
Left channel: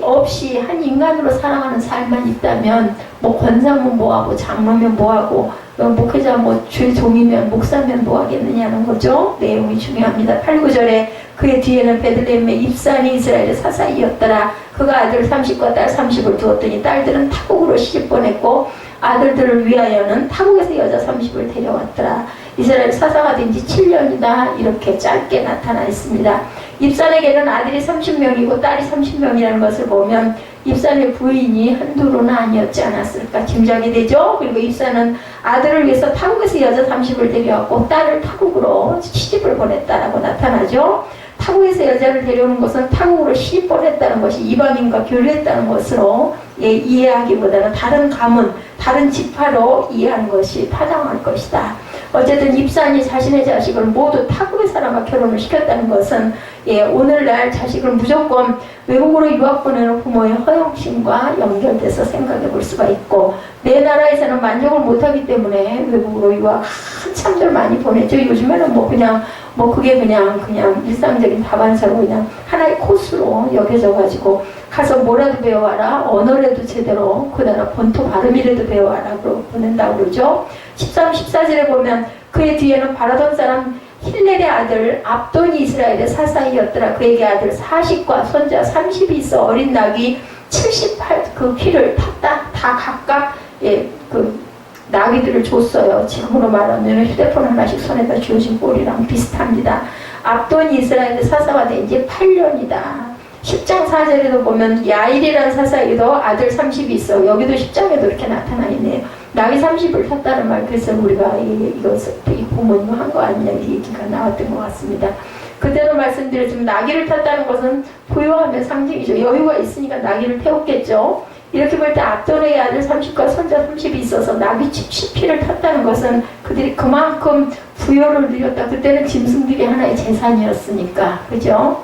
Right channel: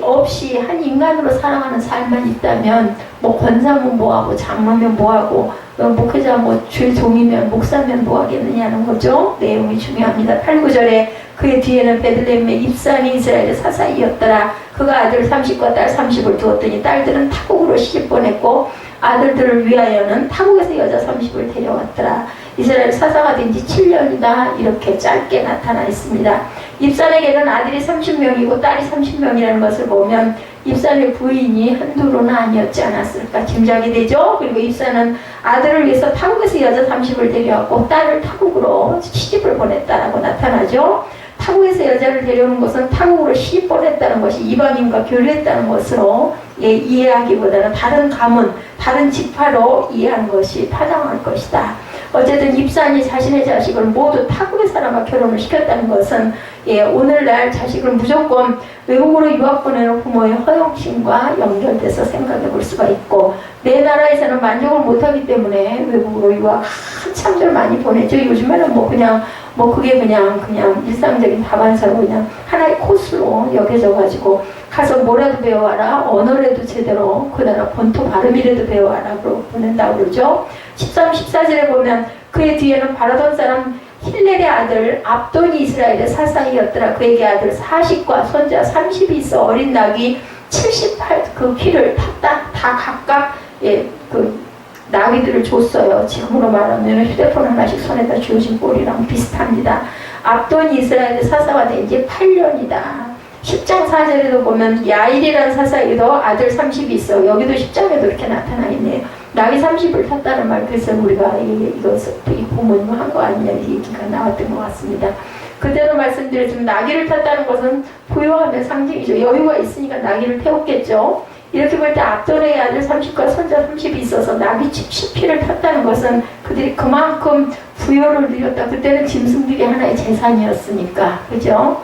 없이 한 인간으로 살아가는 삶만 있다면, 뭐 권사면 뭐하고 장로면 뭐하고 목회자 뭐 주의 종이면 목사면 뭐하겠느냐는 거죠. 내용이 중요합니다. 8, 9절에 그의 뒤에는 베들레헴의 입산이 이스라엘의 사사이었더라. 그가 아들 30과 딸 30을 두었더니 딸들은 타국으로 시집 보냈고 아들들을 위하여는 타국에서 여자 30을 데려왔더라. 이스라엘 사사가 된 지 7년이다. 이렇게 짧게 나타나 있습니다. 입산에게는 아들이 30명이고 딸이 30명이라는 것을 보면 입산의 부인이 한둘은 아니었지 않았을까 짐작이 되죠. 그리고 입산은 아들을 위해서 타국에서 여자 30을 데려왔고 딸을 타국으로 시집을 보냈다라고 나타나죠. 타국에서 여자를 데려오는 것은 타국으로 시집 보냈다는 것이 이방인과 교류했다는 것으로 예, 이해하기보다는 다른 가문, 다른 지파로 이해하는 것이 타당할 것이다. 어쨌든 입산이 자신의 자식을 모두 타국의 사람과 결혼을 시켰다는 것은 예, 오늘날 자식을 무조건 외국으로 유학 보내는 부모의 허영심과 연결돼서 생각해 볼 수가 있고, 내 나라에서는 만족을 못하기 때문에 외국으로 유학 한참들 많이 보내죠. 요즘에는 그게 그냥 일상적인 다반사로 그냥 하나의 코스로 여겨져 가지고 가서 뭐라도 배워와라, 언어라도 제대로 그 나라 본토 발음이라도 배워와라 그러고 보낸다고 그러죠. 13, 14절에 보면 그의 뒤에는 바라던 사람 힐렐의 아들 압돈이 이스라엘의 사사이었더라. 그에게 아들 40과 손자 30이 있어 어린 나귀 78 그 키를 탔다. 다 각각 예, 그 나귀들을 줬어요. 지금으로 말하면 휴대폰 하나씩 손에다 쥐어진 꼴이랑 비슷합니다. 압돈이 이스라엘의 사사가 된 지 8년이다. 10장 4절에도 보면 야일이라는 사사에게도 아들 30이 있어. 여기도 10장에도 이렇게 나타나 있네요. 나귀 30을 탔다는 말, 그래서 우리가 이것을 부모님 한 거 아니냐 이 얘기가 나왔던 것 같습니다. 그때도 말씀드렸지만 나귀를 탔다는 것은 부유함의 상징이죠. 여유가 있으니까 나귀를 태웠겠죠. 이렇게 볼 때 압돈의 아들 30과 손자 30이 있어서 나귀 70피를 탔다는 것은 그들이 그만큼 부여를 누렸다. 그때는 짐승들이 하나의 재산이었으니까, 그죠?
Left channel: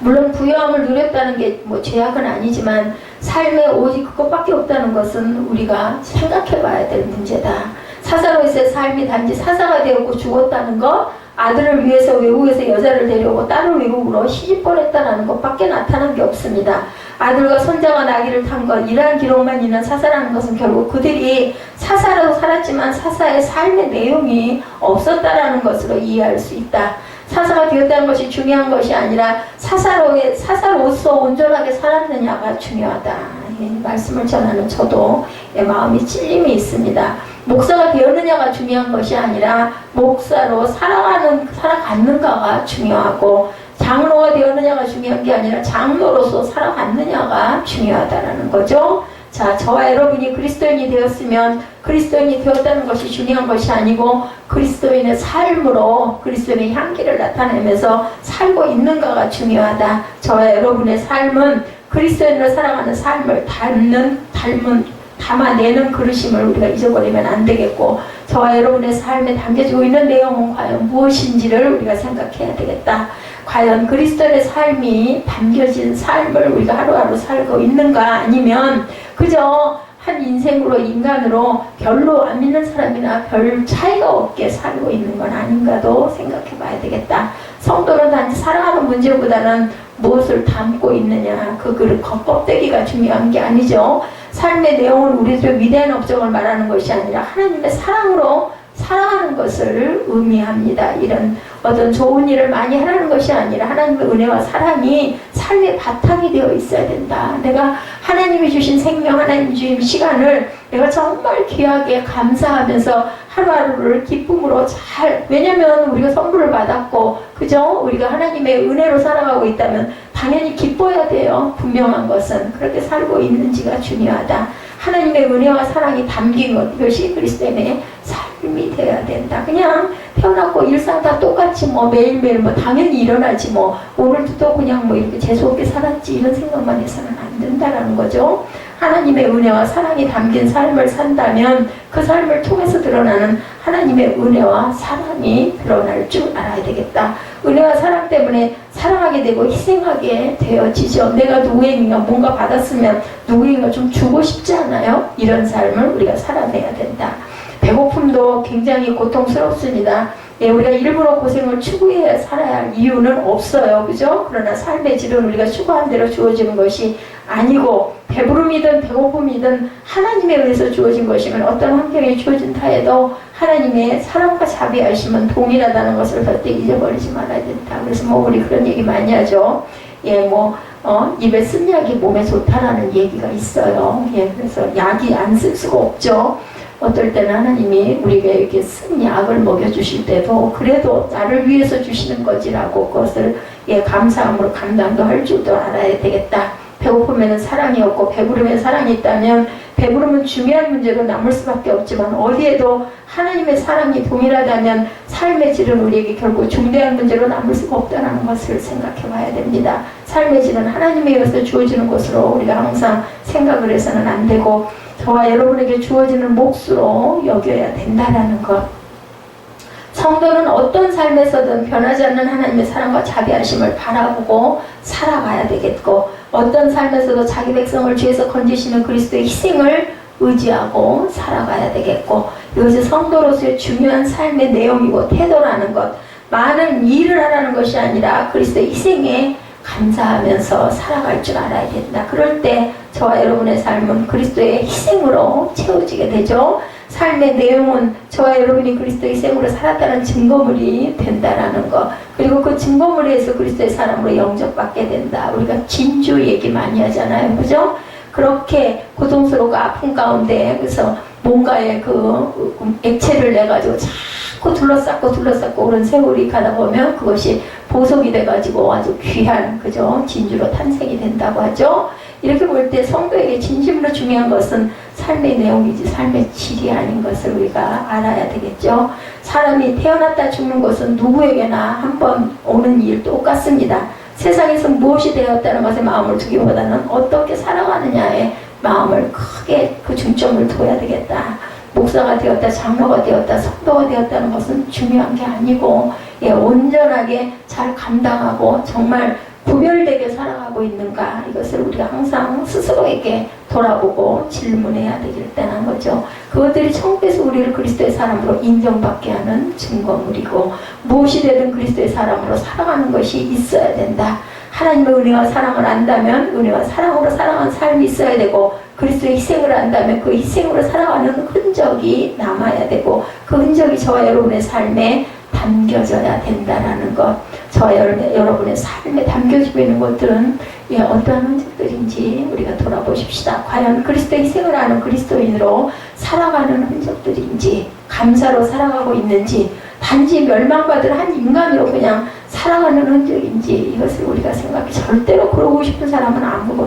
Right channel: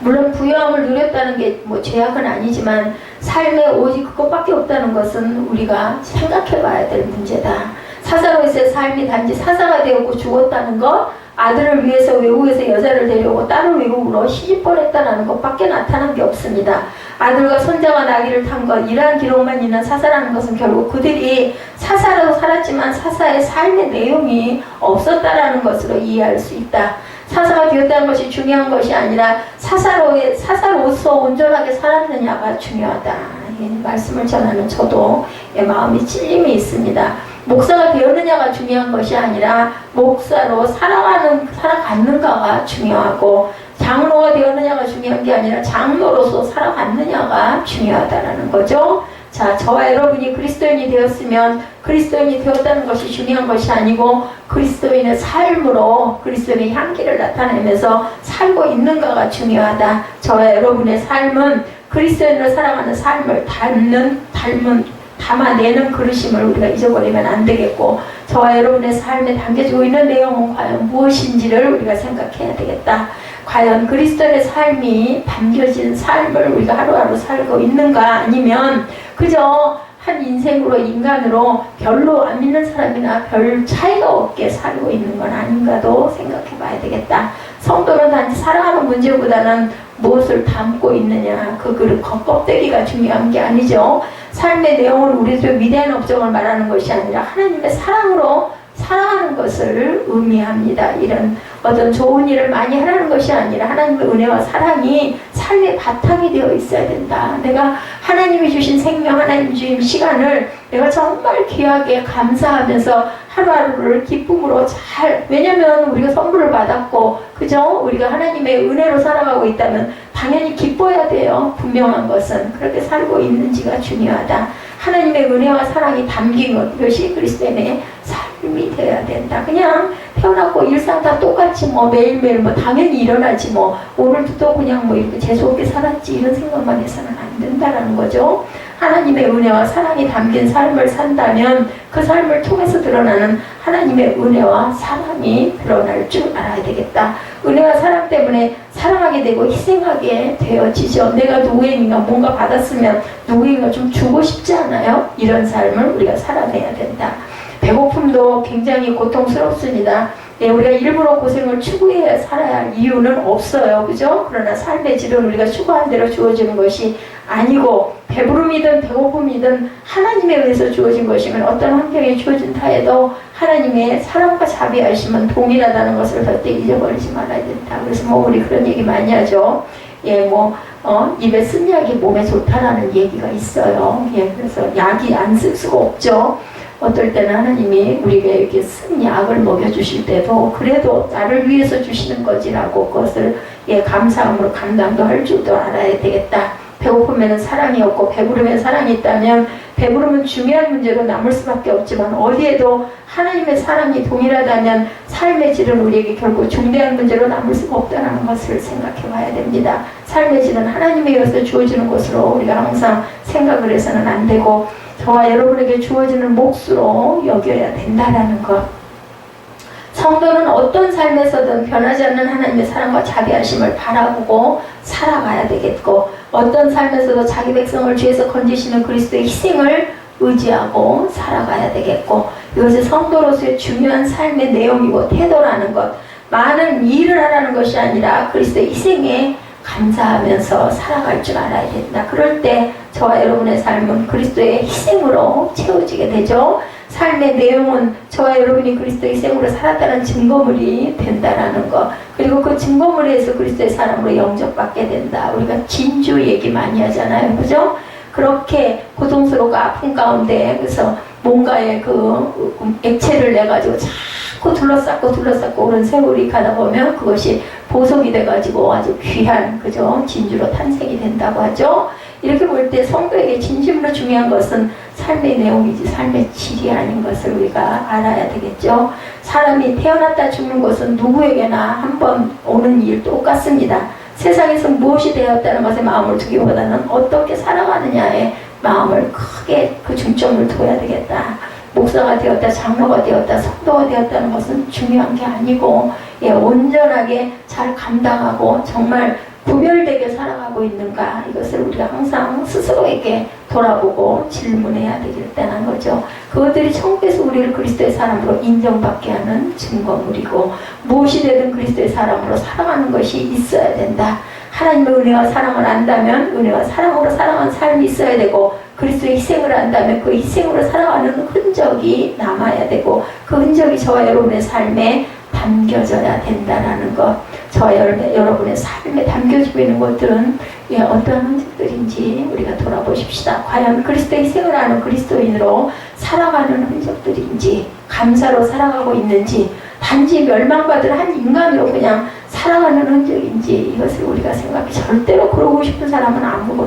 물론 부유함을 누렸다는 게 뭐 죄악은 아니지만 삶에 오직 그것밖에 없다는 것은 우리가 생각해 봐야 될 문제다. 사사로서의 삶이 단지 사사가 되었고 죽었다는 것, 아들을 위해서 외국에서 여자를 데려오고 딸을 외국으로 시집 보냈다는 것밖에 나타난 게 없습니다. 아들과 손자가 나귀를 탄 것, 이러한 기록만 있는 사사라는 것은 결국 그들이 사사로 살았지만 사사의 삶의 내용이 없었다라는 것으로 이해할 수 있다. 사사가 되었다는 것이 중요한 것이 아니라 사사로서 온전하게 살았느냐가 중요하다. 말씀을 전하는 저도 마음이 찔림이 있습니다. 목사가 되었느냐가 중요한 것이 아니라 목사로 살아갔는가가 중요하고, 장로가 되었느냐가 중요한 게 아니라 장로로서 살아갔느냐가 중요하다라는 거죠. 자, 저와 여러분이 그리스도인이 되었으면 그리스도인이 되었다는 것이 중요한 것이 아니고 그리스도인의 삶으로 그리스도인의 향기를 나타내면서 살고 있는가가 중요하다. 저와 여러분의 삶은 그리스도인으로 살아가는 삶을 담아내는 그릇임을 우리가 잊어버리면 안 되겠고, 저와 여러분의 삶에 담겨지고 있는 내용은 과연 무엇인지를 우리가 생각해야 되겠다. 과연 그리스도의 삶이 담겨진 삶을 우리가 하루하루 살고 있는가, 아니면 그저 한 인생으로 인간으로 별로 안 믿는 사람이나 별 차이가 없게 살고 있는 건 아닌가도 생각해 봐야 되겠다. 성도는 단지 살아가는 문제보다는 무엇을 담고 있느냐, 그 그릇 겉껍데기가 중요한 게 아니죠. 삶의 내용은 우리들의 위대한 업적을 말하는 것이 아니라 하나님의 사랑으로 살아가는 것을 의미합니다. 이런 어떤 좋은 일을 많이 하라는 것이 아니라 하나님의 은혜와 사랑이 삶의 바탕이 되어 있어야 된다. 내가 하나님이 주신 생명, 하나님이 주신 시간을 내가 정말 귀하게 감사하면서 하루하루를 기쁨으로 왜냐면 우리가 선물을 받았고, 그죠? 우리가 하나님의 은혜로 살아가고 있다면 당연히 기뻐야 돼요. 분명한 것은 그렇게 살고 있는지가 중요하다. 하나님의 은혜와 사랑이 담긴 것, 이것이 그리스도인의 삶이 되어야 된다. 그냥 태어났고 일상 다 똑같이 뭐 매일매일 뭐 당연히 일어나지 뭐 오늘도 또 그냥 뭐 이렇게 재수없게 살았지 이런 생각만 해서는 안 된다라는 거죠. 하나님의 은혜와 사랑이 담긴 삶을 산다면 그 삶을 통해서 드러나는 하나님의 은혜와 사랑이 드러날 줄 알아야 되겠다. 은혜와 사랑 때문에 사랑하게 되고 희생하게 되어지죠. 내가 누구에게인가 뭔가 받았으면 누구에게인가 좀 주고 싶지 않아요? 이런 삶을 우리가 살아내야 된다. 배고픔도 굉장히 고통스럽습니다. 예, 우리가 일부러 고생을 추구해 살아야 할 이유는 없어요. 그죠? 그러나 삶의 질은 우리가 추구한 대로 주어지는 것이 아니고 배부름이든 배고픔이든 하나님에 의해서 주어진 것이면 어떤 환경에 주어진 타에도 하나님의 사랑과 자비하심은 동일하다는 것을 절대 잊어버리지 말아야 된다. 그래서 뭐 우리 그런 얘기 많이 하죠. 예, 뭐 입에 쓴 약이 몸에 좋다라는 얘기가 있어요. 예, 그래서 약이 안 쓸 수가 없죠. 어떨 때는 하나님이 우리에게 이렇게 쓴 약을 먹여주실 때도 그래도 나를 위해서 주시는 거지라고 그것을 예, 감사함으로 감당도 할 줄도 알아야 되겠다. 배고프면 사랑이 없고 배부르면 사랑이 있다면 배부름은 중요한 문제로 남을 수밖에 없지만 어디에도 하나님의 사랑이 동일하다면 삶의 질은 우리에게 결국 중대한 문제로 남을 수가 없다는 것을 생각해 봐야 됩니다. 삶의 질은 하나님에 의해서 주어지는 것으로 우리가 항상 생각을 해서는 안 되고 저와 여러분에게 주어지는 몫으로 여겨야 된다는 것. 성도는 어떤 삶에서든 변하지 않는 하나님의 사랑과 자비하심을 바라보고 살아가야 되겠고 어떤 삶에서도 자기 백성을 죄에서 건지시는 그리스도의 희생을 의지하고 살아가야 되겠고 이것이 성도로서의 중요한 삶의 내용이고 태도라는 것. 많은 일을 하라는 것이 아니라 그리스도의 희생에 감사하면서 살아갈 줄 알아야 된다. 그럴 때 저와 여러분의 삶은 그리스도의 희생으로 채워지게 되죠. 삶의 내용은 저와 여러분이 그리스도의 희생으로 살았다는 증거물이 된다라는 것. 그리고 그 증거물에 의해서 그리스도의 사람으로 영접받게 된다. 우리가 진주 얘기 많이 하잖아요. 그죠? 그렇게 고통스럽고 아픈 가운데 그래서 뭔가의 그 액체를 내가지고 자꾸 둘러싸고 그런 세월이 가다 보면 그것이 보석이 돼가지고 아주 귀한 그죠? 진주로 탄생이 된다고 하죠. 이렇게 볼 때 성도에게 진심으로 중요한 것은 삶의 내용이지 삶의 질이 아닌 것을 우리가 알아야 되겠죠. 사람이 태어났다 죽는 것은 누구에게나 한번 오는 일 똑같습니다. 세상에서 무엇이 되었다는 것에 마음을 두기보다는 어떻게 살아가느냐에 마음을 크게 그 중점을 둬야 되겠다. 목사가 되었다, 장로가 되었다, 성도가 되었다는 것은 중요한 게 아니고 예, 온전하게 잘 감당하고 정말 구별되게 살아가고 있는가 이것을 우리가 항상 스스로에게 돌아보고 질문해야 되길 때는 거죠. 그것들이 천국에서 우리를 그리스도의 사람으로 인정받게 하는 증거물이고 무엇이 되든 그리스도의 사람으로 살아가는 것이 있어야 된다. 하나님의 은혜와 사랑을 안다면 은혜와 사랑으로 살아가는 삶이 있어야 되고 그리스도의 희생을 안다면 그 희생으로 살아가는 흔적이 남아야 되고 그 흔적이 저와 여러분의 삶에 담겨져야 된다는 것. 저와 여러분의 삶에 담겨지고 있는 것들은 예, 어떠한 흔적들인지 우리가 돌아보십시다. 과연 그리스도의 희생을 하는 그리스도인으로 살아가는 흔적들인지 감사로 살아가고 있는지 단지 멸망받을 한 인간으로 그냥 살아가는 흔적인지 이것을 우리가 생각해 절대로 그러고 싶은 사람은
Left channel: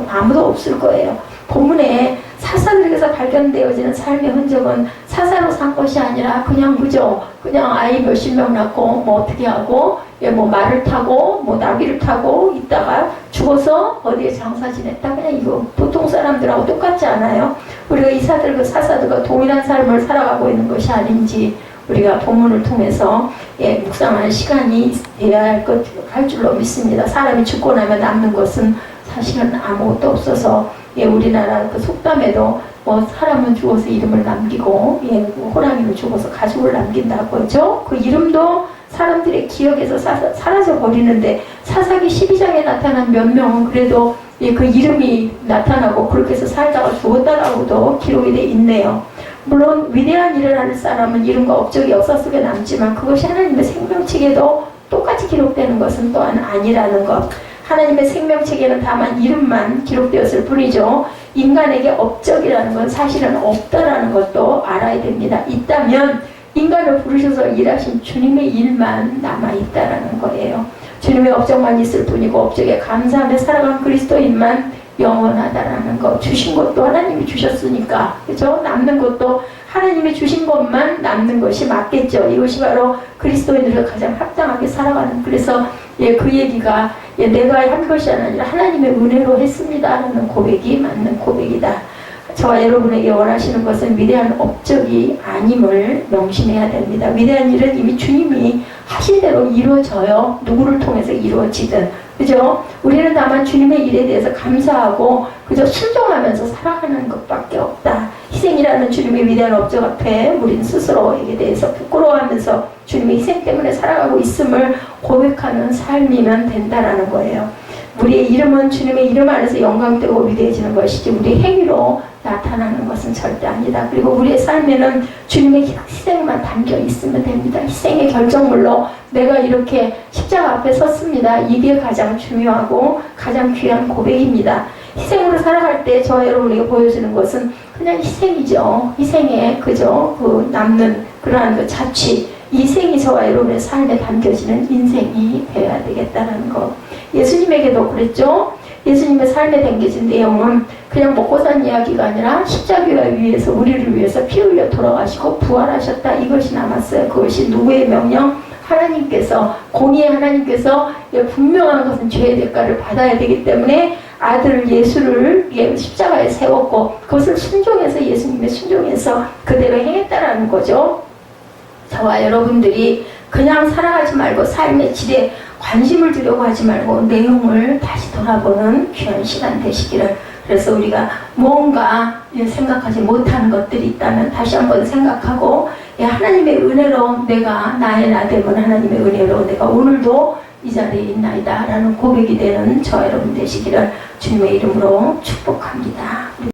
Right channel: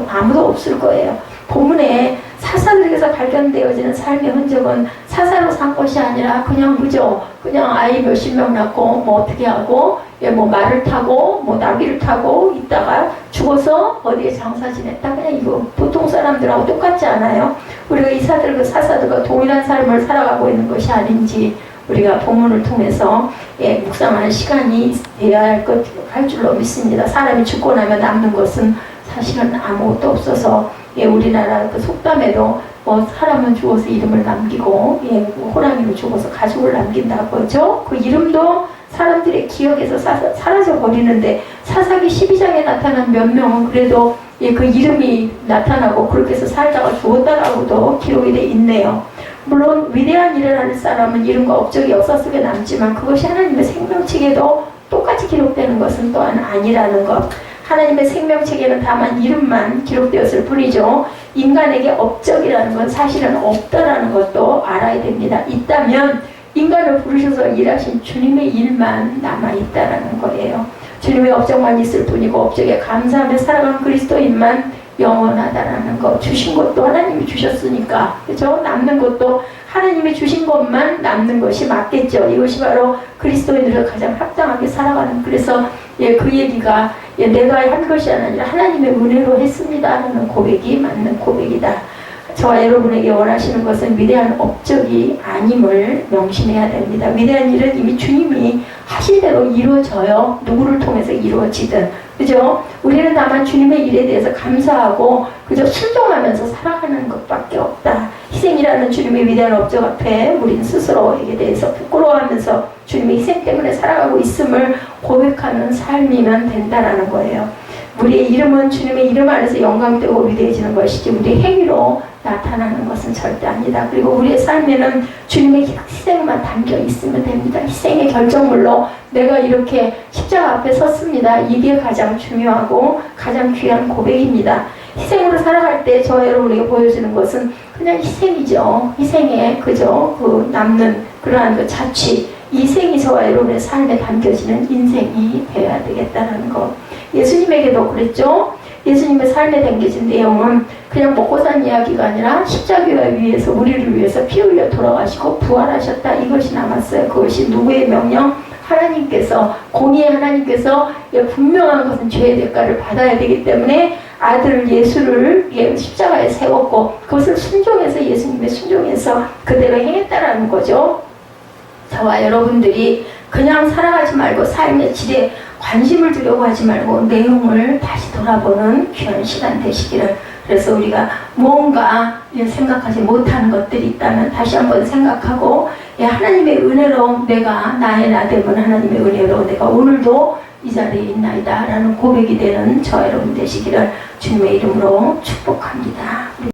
아무도 없을 거예요. 본문에 사사들에게서 발견되어지는 삶의 흔적은 사사로 산 것이 아니라 그냥 그저 그냥 아이 몇십 명 낳고 뭐 어떻게 하고 예, 뭐 말을 타고 뭐 나귀를 타고 있다가 죽어서 어디에 장사 지냈다 그냥 이거 보통 사람들하고 똑같지 않아요? 우리가 이사들과 사사들과 동일한 삶을 살아가고 있는 것이 아닌지 우리가 본문을 통해서 예, 묵상하는 시간이 돼야 할 줄로 믿습니다. 사람이 죽고 나면 남는 것은 사실은 아무것도 없어서 예, 우리나라 그 속담에도 뭐 사람은 죽어서 이름을 남기고 예, 호랑이는 죽어서 가족을 남긴다고 하죠. 그 이름도 사람들의 기억에서 사라져 버리는데 사사기 12장에 나타난 몇 명은 그래도 예, 그 이름이 나타나고 그렇게 해서 살다가 죽었다라고도 기록이 돼 있네요. 물론 위대한 일을 하는 사람은 이름과 업적이 역사 속에 남지만 그것이 하나님의 생명책에도 똑같이 기록되는 것은 또한 아니라는 것. 하나님의 생명책에는 다만 이름만 기록되었을 뿐이죠. 인간에게 업적이라는 건 사실은 없다라는 것도 알아야 됩니다. 있다면 인간을 부르셔서 일하신 주님의 일만 남아있다라는 거예요. 주님의 업적만 있을 뿐이고 업적에 감사하며 살아가는 그리스도인만 영원하다라는 거. 주신 것도 하나님이 주셨으니까, 그죠? 남는 것도 하나님이 주신 것만 남는 것이 맞겠죠. 이것이 바로 그리스도인으로 가장 합당하게 살아가는. 그래서 그 얘기가 내가 한 것이 아니라 하나님의 은혜로 했습니다라는 고백이 맞는 고백이다. 저와 여러분에게 원하시는 것은 위대한 업적이 아님을 명심해야 됩니다. 위대한 일은 이미 주님이 하실 대로 이루어져요. 누구를 통해서 이루어지든. 그죠? 우리는 다만 주님의 일에 대해서 감사하고 그저 순종하면서 살아가는 것밖에 없다. 희생이라는 주님의 위대한 업적 앞에 우리는 스스로에게 대해서 부끄러워하면서 주님의 희생 때문에 살아가고 있음을 고백하는 삶이면 된다라는 거예요. 우리의 이름은 주님의 이름 안에서 영광되고 위대해지는 것이지 우리의 행위로 나타나는 것은 절대 아니다. 그리고 우리의 삶에는 주님의 희생만 담겨 있으면 됩니다. 희생의 결정물로 내가 이렇게 십자가 앞에 섰습니다. 이게 가장 중요하고 가장 귀한 고백입니다. 희생으로 살아갈 때 저와 여러분에게 보여주는 것은 그냥 희생이죠. 희생에 그저 그 남는 그러한 그 자취, 이 희생이 저와 여러분의 삶에 담겨지는 인생이 되어야 되겠다는 것. 예수님에게도 그랬죠. 예수님의 삶에 담겨진 내용은 그냥 먹고 산 이야기가 아니라 십자가 위에서 우리를 위해서 피 흘려 돌아가시고 부활하셨다. 이것이 남았어요. 그것이 누구의 명령? 하나님께서, 공의의 하나님께서 분명한 것은 죄의 대가를 받아야 되기 때문에 아들 예수를 십자가에 세웠고 그것을 순종해서 예수님의 순종해서 그대로 행했다라는 거죠. 저와 여러분들이 그냥 살아가지 말고 삶의 질에 관심을 두려고 하지 말고 내용을 다시 돌아보는 귀한 시간 되시기를. 그래서 우리가 뭔가 생각하지 못하는 것들이 있다면 다시 한번 생각하고 하나님의 은혜로 내가 나의 나됨은 하나님의 은혜로 내가 오늘도 이 자리에 있나이다 라는 고백이 되는 저와 여러분 되시기를 주님의 이름으로 축복합니다.